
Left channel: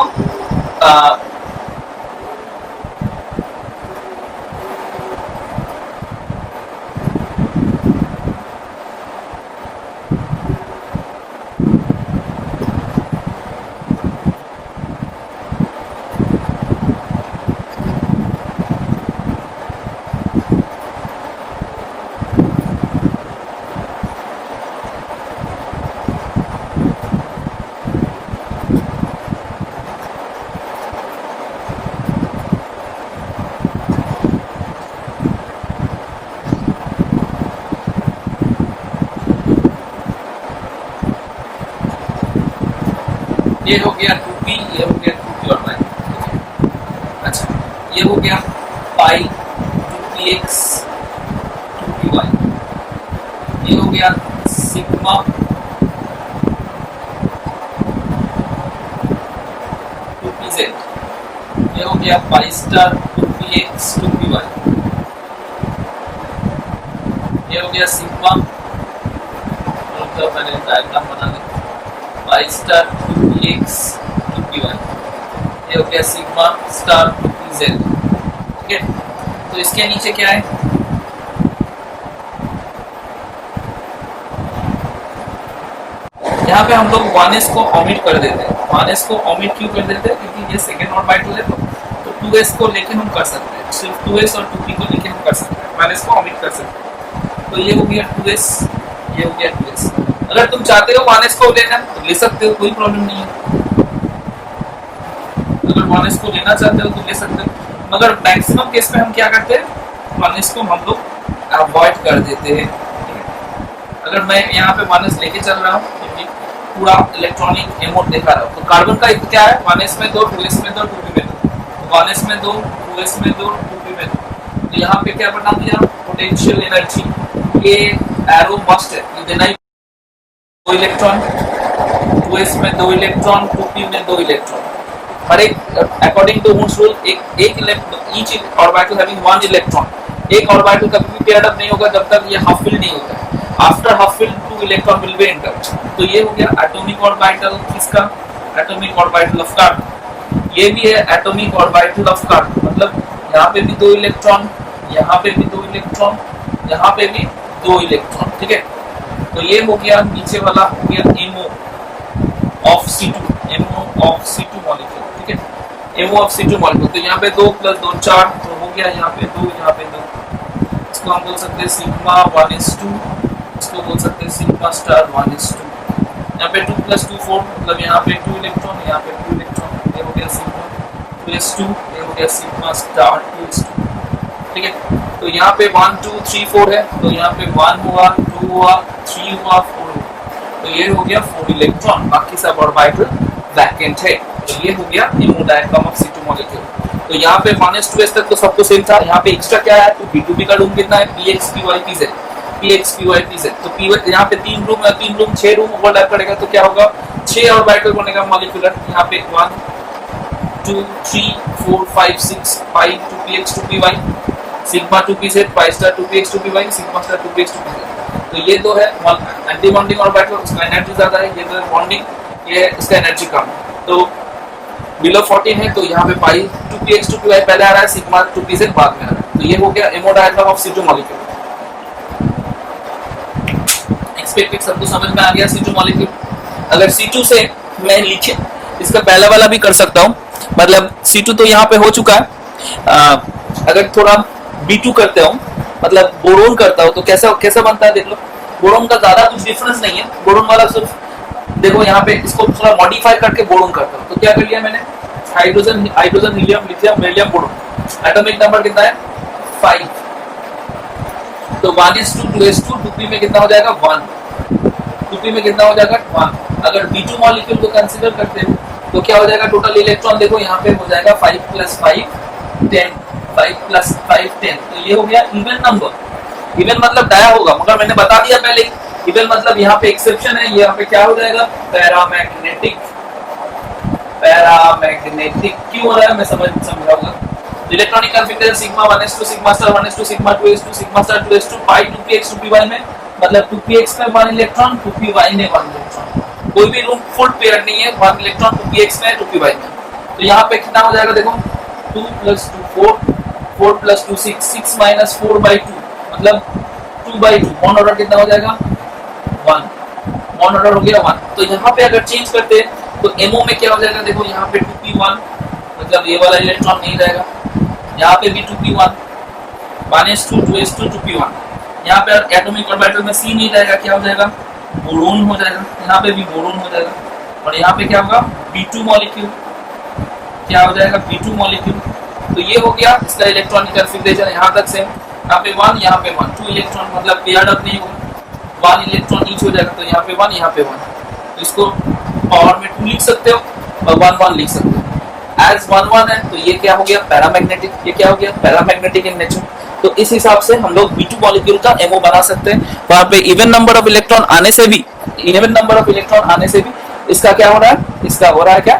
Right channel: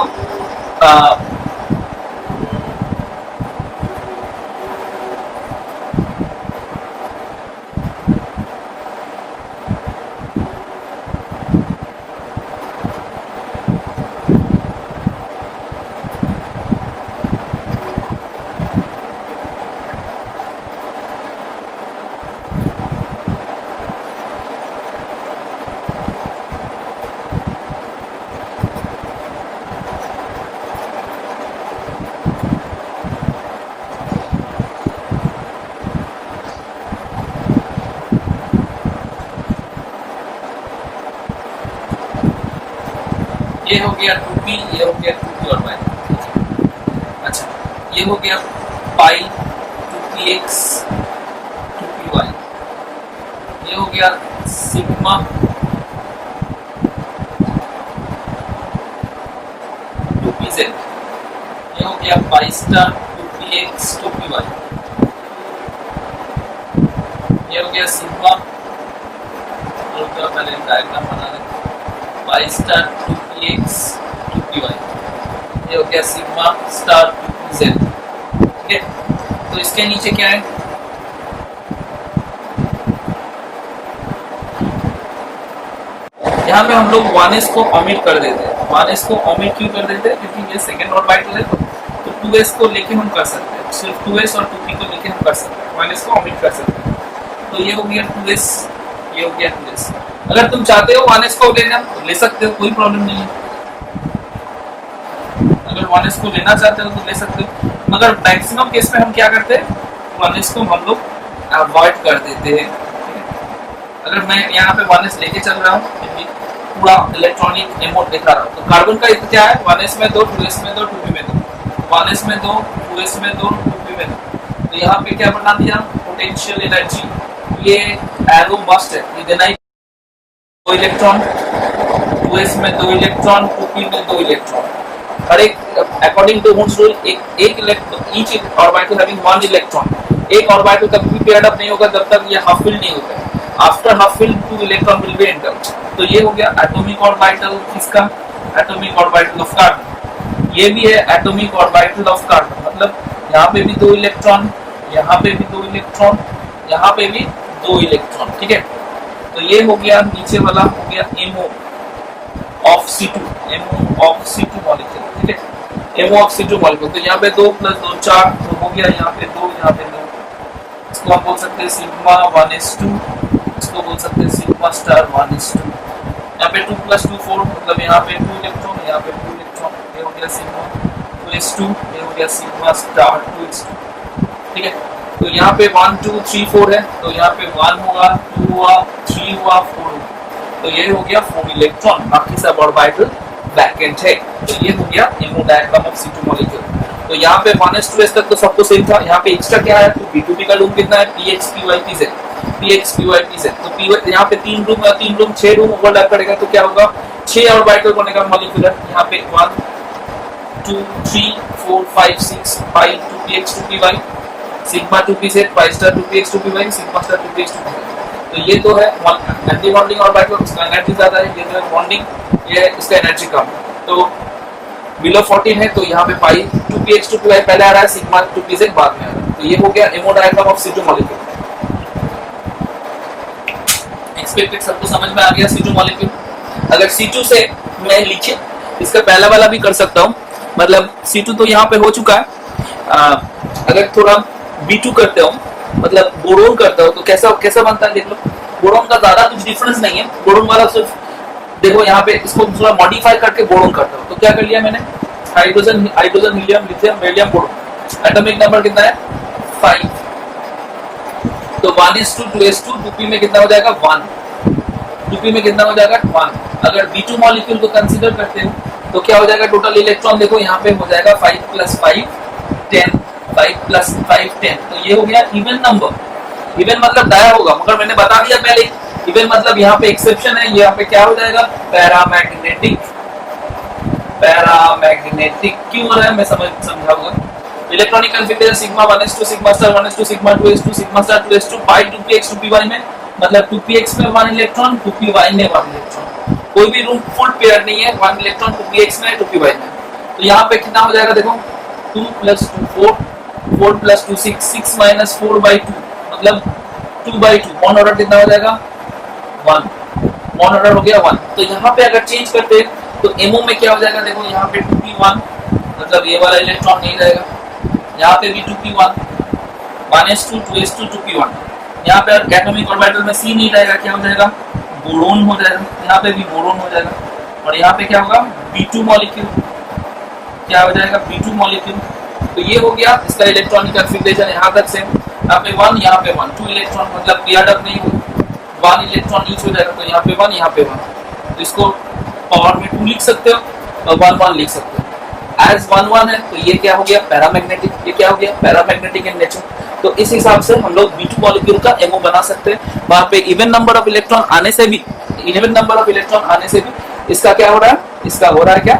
ये हो गया 2p, ये हो गया 2p और पाई। अच्छा ये हो गया पाई 2px 2py, ये हो गया सिग्मा 2pz, ये हो गया पाई स्टार 2px 2py, ये हो गया सिग्मा, पहले डायग्राम बना लें, पाई स्टार 2px 2py, ये हो गया सिग्मा स्टार 2pz, ठीक है। तो इसके नीचे क्या है, यहाँ पे हम लोग 1s को ओमिट कर देते हैं। 1s को ओमिट क्यों कर देते हैं? क्योंकि ये सेकेंड ऑर्बिटल है, तो 2s को लेके हम कर सकते हैं, सिर्फ 2s और 2p को लेके हम कर सकते हैं, 1s को ओमिट कर सकते हैं। तो ये हो गया 2s, ये हो गया 2s। अगर तुम चाहते हो 1s को लेना तो ले सकते हो, कोई प्रॉब्लम नहीं है। अगर 1s को लेना चाहते हो तो ले सकते हो, मगर मैक्सिमम केस में हम क्या करते हैं, 1s को हम लोग अवॉइड कर देते हैं। अगर मैं यहाँ पे 1s लेके चल रहा हूँ, पूरा इलेक्ट्रॉनिक एमो दिखा रहा हूँ, तो कार्बन का क्या है, 1s में 2, 2s में 2, 2p में 2, 1s में 2, 2s में 2, 2p में 2। तो यहाँ पे क्या बना दिया, पोटेंशियल एनर्जी, ये एरो मस्ट है, ये देना ही 2 इलेक्ट्रॉन, 2s में 2 इलेक्ट्रॉन, 2p में 2 इलेक्ट्रॉन। हर एक अकॉर्डिंग टू हुड्स रूल एक electron, each orbital having 1 electron. एक ऑर्बिटल कभी भी पेयर्ड अप नहीं होगा जब तक ये हाफ फिल्ड नहीं होता। After half filled 2 electron will be enter. तो ये हो गया एटॉमिक ऑर्बिटल किसका, एटॉमिक ऑर्बिटल ऑफ कार्बन। ये भी है एटॉमिक ऑर्बिटल ऑफ कार्बन, मतलब यहाँ पे भी 2 इलेक्ट्रॉन, यहाँ पे भी 2 इलेक्ट्रॉन, यहाँ पे भी 2 इलेक्ट्रॉन, ठीक है। तो ये हो गया नीचे वाला, हो गया MO of C2, MO of C2 molecule, ठीक है, एमओ ऑफ C2 मॉलिक्यूल। तो यहाँ पे 2 + 2 4, तो हो गया यहाँ पे 2, यहाँ पे 2। इसको हम बोल सकते हैं सिग्मा 1s2, इसको बोल सकते हैं सिग्मा स्टार 1s2। यहाँ पे 2 + 2 4, मतलब यहाँ पे 2 इलेक्ट्रॉन, यहाँ पे 2 इलेक्ट्रॉन, ये हो गया सिग्मा 2s2, ये हो गया सिग्मा स्टार 2s2, ठीक है। तो यहाँ पे 1 2 3 4 है, तो यहाँ पे 1 हुआ, 2 हुआ, 3 हुआ, 4 हुआ, तो ये हो गया 4 इलेक्ट्रॉन, बाकी सब ऑर्बिटल वैकेंट है। तो ये हो गया ammo diagram of C2 molecule. तो यहाँ पे 1s 2s तक तो सबको सेम था। यहाँ पे एक्स्ट्रा क्या है, तो B2B का लूप कितना है, px py pz, px py pz। तो p यहाँ पे 3 रूम या 3 रूम 6 रूम ओवरलैप करेगा, तो क्या होगा, 6 ऑर्बिटल बनेगा मॉलिक्यूलर। यहाँ पे 1 2 3 4 5 6 5 2px 2py, sigma 2pz, pi star 2px 2py, sigma star 2px 2py। तो ये तो है एंटी बॉन्डिंग ऑर्बिटल, उसका एनर्जी ज्यादा है, ये तो बॉन्डिंग, ये इसका एनर्जी कम है। तो बिलो 14 है, तो यहाँ पे पाई 2px 2py पहले आ रहा है, सिग्मा 2pz बाद में आ रहा है। तो ये हो गया ammo diagram of C2 molecule. Expected सबको समझ में आ गया C2 मॉलिक्यूल। अगर C2 से मैं लिखे इसका पहला वाला भी कर सकता हूँ, मतलब C2 तो यहाँ पे हो चुका है। अगर थोड़ा B2 करते हो, मतलब बोरोन करता हो, तो कैसा कैसा बनता है देख लो। बोरोन का ज्यादा कुछ डिफरेंस नहीं है, बोरोन वाला सिर्फ देखो यहाँ पे इसको थोड़ा मॉडिफाई करके बोरोन करता हूँ। तो क्या कर लिया मैंने, hydrogen hydrogen helium lithium beryllium boron. Atomic number कितना है 5। तो 1s2 2s2 2p में कितना हो जाएगा 1, 2p में कितना हो जाएगा 1। अगर B2 मॉलिक्यूल को कंसीडर करते हो तो क्या हो जाएगा, टोटल इलेक्ट्रॉन देखो यहाँ पे हो जाएगा 5 + 5 10, 5 + 5 10। तो ये हो गया इवन नंबर। इवन मतलब डाया होगा, मगर मैंने बता दिया पहले, इवन मतलब यहाँ पे एक्सेप्शन है, यहाँ पे क्या हो जाएगा पैरामैग्नेटिक। पैरामैग्नेटिक क्यों हो रहा है मैं समझाऊंगा। Electronic configuration sigma 1s2 sigma star 1s2 sigma 2s2 sigma star 2s2 pi 2px 2py में, मतलब 2px में 1 इलेक्ट्रॉन 2py में 1 इलेक्ट्रॉन। कोई भी रूम फुल पेयर नहीं है, 1 इलेक्ट्रॉन 2px में 2py में। तो यहाँ पे कितना हो जाएगा देखो, 2 + 2 4, 4 + 2 6, 6 - 4/2, मतलब 2/2। बॉन्ड ऑर्डर कितना हो जाएगा 1, बॉन्ड ऑर्डर हो गया 1। तो यहाँ पे अगर चेंज करते हैं तो एमओ में क्या हो जाएगा देखो, यहाँ पे 2p1, मतलब ये वाला इलेक्ट्रॉन नहीं रहेगा, यहाँ पे भी 2p1, 1s2 2s2 2p1। यहाँ पे एटॉमिक ऑर्बिटल में C नहीं रहेगा, क्या हो जाएगा बोरोन हो जाएगा, यहाँ पे भी बोरोन हो जाएगा। और यहाँ पे क्या होगा B2 मॉलिक्यूल, क्या हो जाएगा B2 मॉलिक्यूल। तो ये हो गया इसका इलेक्ट्रॉनिक कॉन्फ़िगरेशन, यहाँ तक से यहाँ पे 1 यहाँ पे 1, 2 इलेक्ट्रॉन मतलब पेयर्ड अप नहीं होगा, 1 इलेक्ट्रॉन ईच हो जाएगा। तो यहाँ पे 1 यहाँ पे 1, तो इसको पावर में 2 लिख सकते हो और 1 1 लिख सकते हो। एज 1 1 है तो ये क्या हो गया पैरामैग्नेटिक, ये क्या हो गया पैरामैग्नेटिक इन नेचर। तो इस हिसाब से हम लोग B2 मॉलिक्यूल का एमओ बना सकते हैं। वहां पे इवन नंबर ऑफ इलेक्ट्रॉन आने से भी, इवन नंबर ऑफ इलेक्ट्रॉन आने से भी इसका क्या हो रहा है, इसका हो रहा है क्या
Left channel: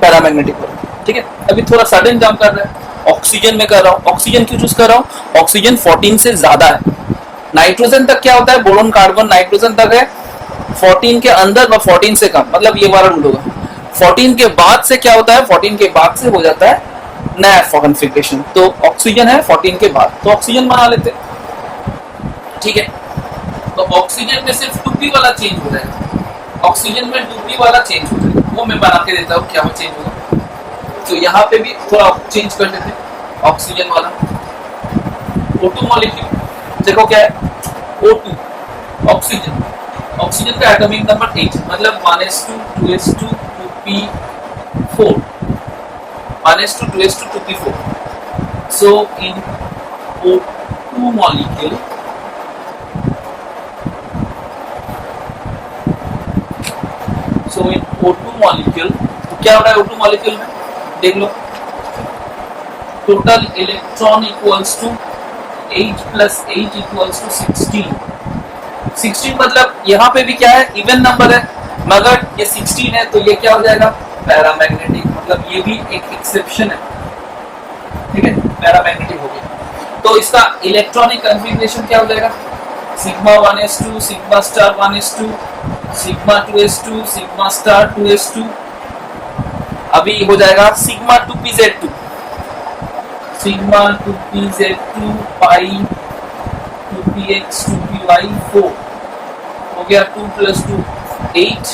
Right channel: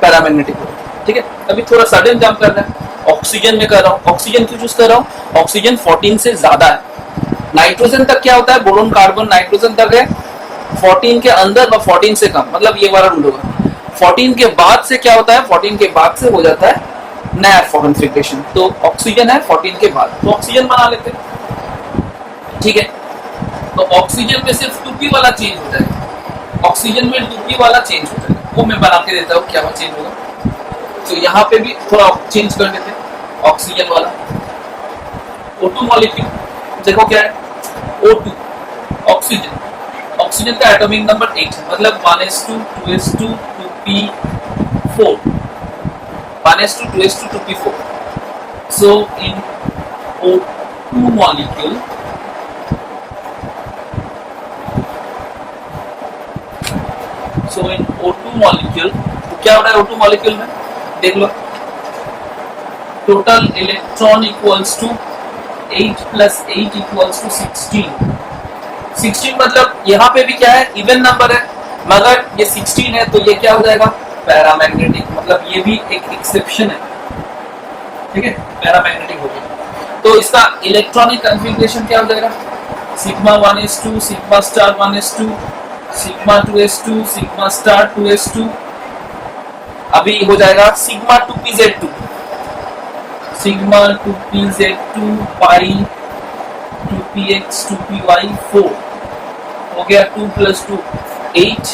पैरामैग्नेटिक। ठीक है, अभी थोड़ा सडन जंप कर रहा है, ऑक्सीजन में कर रहा हूँ। ऑक्सीजन क्यों चूज कर रहा हूँ, ऑक्सीजन 14 से ज्यादा है। नाइट्रोजन तक क्या होता है, बोरोन कार्बन नाइट्रोजन तक है 14 के अंदर और 14 से कम, मतलब ये वाला रूल होगा। 14 के बाद से क्या होता है, 14 के बाद से हो जाता है नया कॉन्फ़िगरेशन। तो ऑक्सीजन है 14 के बाद, तो ऑक्सीजन बना लेते हैं। ठीक है, तो ऑक्सीजन में सिर्फ 2p वाला चेंज हो जाएगा, ऑक्सीजन में 2p वाला चेंज हो जाएगा, वो मैं बना के देता हूँ क्या वो चेंज होगा। तो यहाँ पे भी थोड़ा चेंज कर देते हैं ऑक्सीजन वाला। O2 मॉलिक्यूल देखो क्या है, O2 ऑक्सीजन, ऑक्सीजन का एटॉमिक नंबर 8 मतलब 1s2 2s2 2p4 1s2 2s2 2p4। so in O2 molecule तो क्या हो रहा है O2 मॉलिक्यूल में, देख लो, टोटल इलेक्ट्रॉन इक्वल्स टू 8 + 8 = 16 मतलब यहाँ पे भी क्या है, इवन नंबर है, मगर ये 16 है तो ये क्या हो जाएगा, पैरामैग्नेटिक, मतलब ये भी एक एक्सेप्शन है, ठीक है, पैरामैग्नेटिक हो गया। तो इसका इलेक्ट्रॉनिक कॉन्फ़िगरेशन क्या हो जाएगा, sigma 1s2 sigma star 1s2 sigma 2s2 sigma star 2s2, अभी हो जाएगा sigma 2pz2 sigma 2pz2 pi 2px 2py 4 हो गया, 2 + 2 8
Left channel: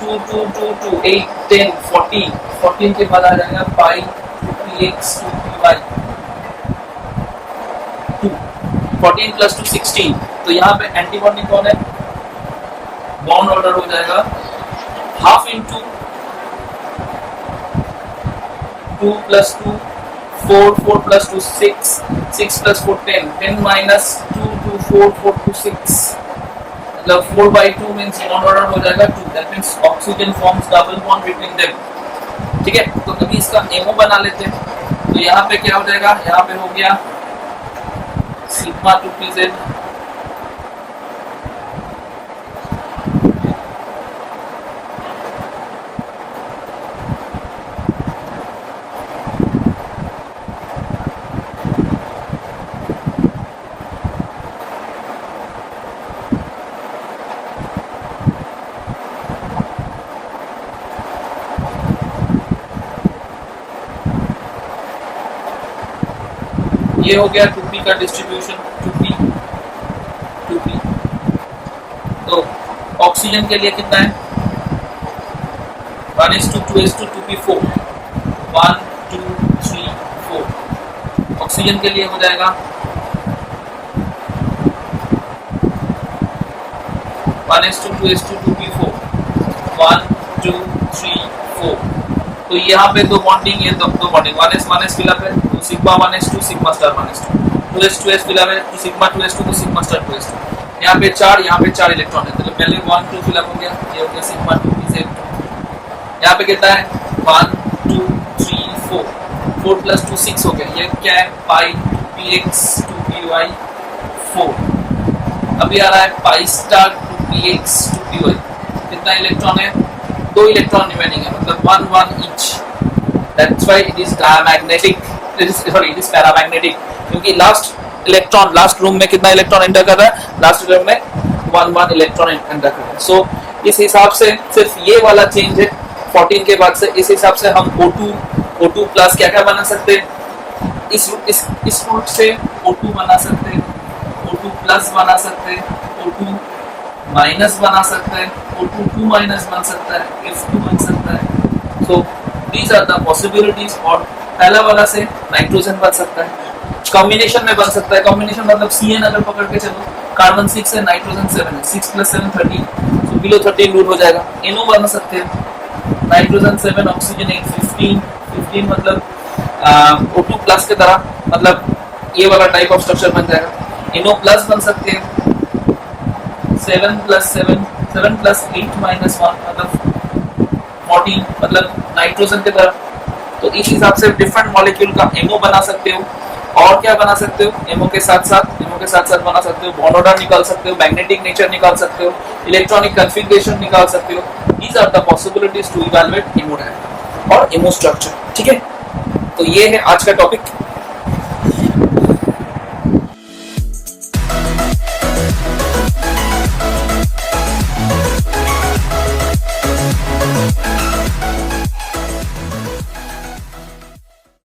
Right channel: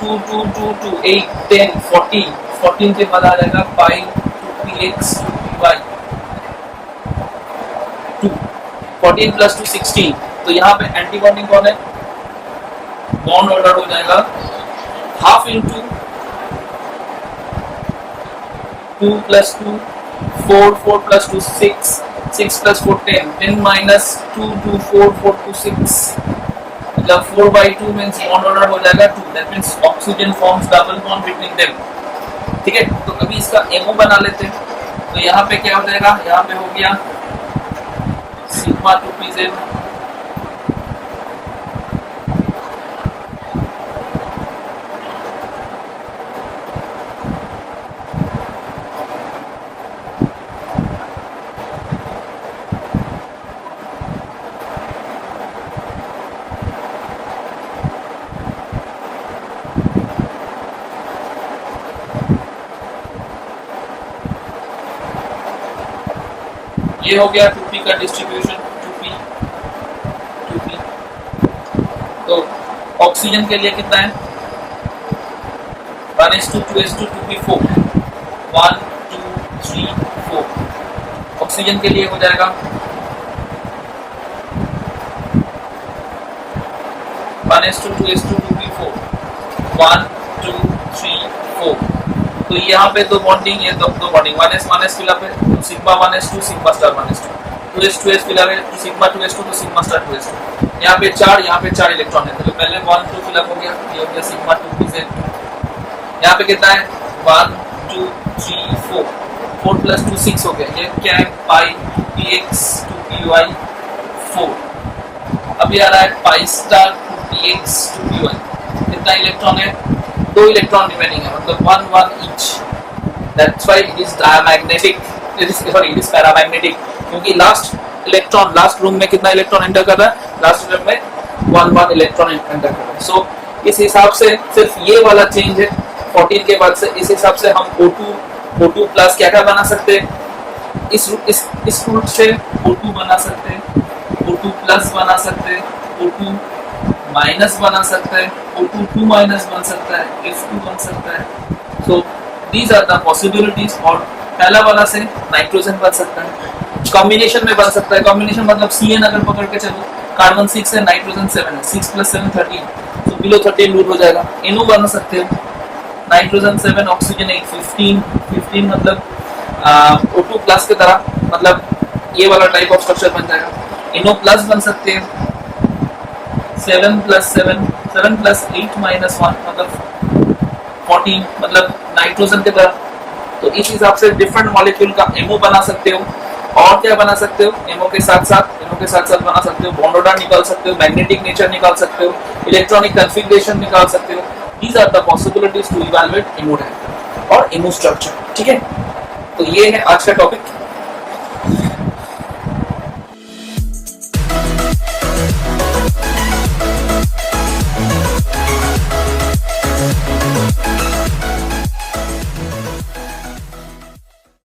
2 2 2 2 8 10 14 के बाद आ जाएगा पाई 2px 2py 2 14 + 2 16। तो यहाँ पे एंटी बॉन्डिंग कौन है, बॉन्ड ऑर्डर हो जाएगा हाफ इंटू 2 + 2 4 4 + 2 6 6 + 4 10 10 - 2 2 4 4 2 6 मतलब 4/2 मींस बॉन्ड ऑर्डर हो जाएगा 2, that means oxygen forms double bond between them, ठीक है। तो अभी इसका एमओ बना लेते हैं। तो यहाँ पे क्या हो जाएगा, यहाँ पे हो गया सिग्मा 2pz ये हो गया 2p का डिस्ट्रीब्यूशन 2p। तो ऑक्सीजन के लिए कितना है, 1s2 2s2 2p4 1 2 3 4। ऑक्सीजन के लिए हो जाएगा 1s2 2s2 2p4 1 2 3 4। तो यहाँ पे दो बॉन्डिंग, ये दो बॉन्डिंग 1s फिलअप है तो sigma 1s2 sigma star 1s2 2s fill up है तो सिग्मा 2s2 तो सिग्मा स्टार 2s2। यहाँ पे 4 इलेक्ट्रॉन है तो पहले 1 2 फिलअप हो गया, ये हो गया सिग्मा 2pz। यहाँ पे कितना है 1 2 3 4 4 + 2 6 हो गया, ये क्या है पाई 2px 2py 4। अभी आ रहा है पाई स्टार 2px 2py, कितना इलेक्ट्रॉन है, 2 इलेक्ट्रॉन रिमेनिंग है मतलब 1 1 each, that's why it is diamagnetic, it is paramagnetic, क्योंकि लास्ट रूम में कितना इलेक्ट्रॉन एंटर कर रहा है, लास्ट रूम में 1 1 इलेक्ट्रॉन एंटर कर रहा है। सो इस हिसाब से सिर्फ ये वाला चेंज है 14 के बाद से, इस हिसाब से हम O2 प्लस क्या क्या बना सकते हैं, इस रूट से O2 बना सकते हैं, O2 प्लस बना सकते हैं, O2 माइनस बना सकते हैं, O2 2 माइनस बन सकता है, F2 बन सकता है। So these are the possibilities. और पहला वाला से नाइट्रोजन बन सकता है, कॉम्बिनेशन में बन सकता है, कॉम्बिनेशन मतलब CN अगर पकड़ के चलो, कार्बन 6 है नाइट्रोजन 7 है, 6 + 7 13, तो बिलो 13 रूट हो जाएगा। NO बना सकते हैं, नाइट्रोजन 7 ऑक्सीजन 8 15 मतलब O2 प्लस की तरह, मतलब ये वाला टाइप ऑफ स्ट्रक्चर बन जाएगा। NO प्लस बन सकते हैं 7 + 7 7 + 8 - 1 मतलब 14 मतलब नाइट्रोजन की तरह। तो इस हिसाब से डिफरेंट मॉलिक्यूल का एमओ बना सकते हो। और क्या बना सकते हो, एमओ के साथ साथ बना सकते हो बॉन्ड ऑर्डर निकाल सकते हो, मैग्नेटिक नेचर निकाल सकते हो, इलेक्ट्रॉनिक कॉन्फ़िगरेशन निकाल सकते हो। These are the possibilities to evaluate MO diagram और एमो स्ट्रक्चर, ठीक है। तो ये है आज का टॉपिक।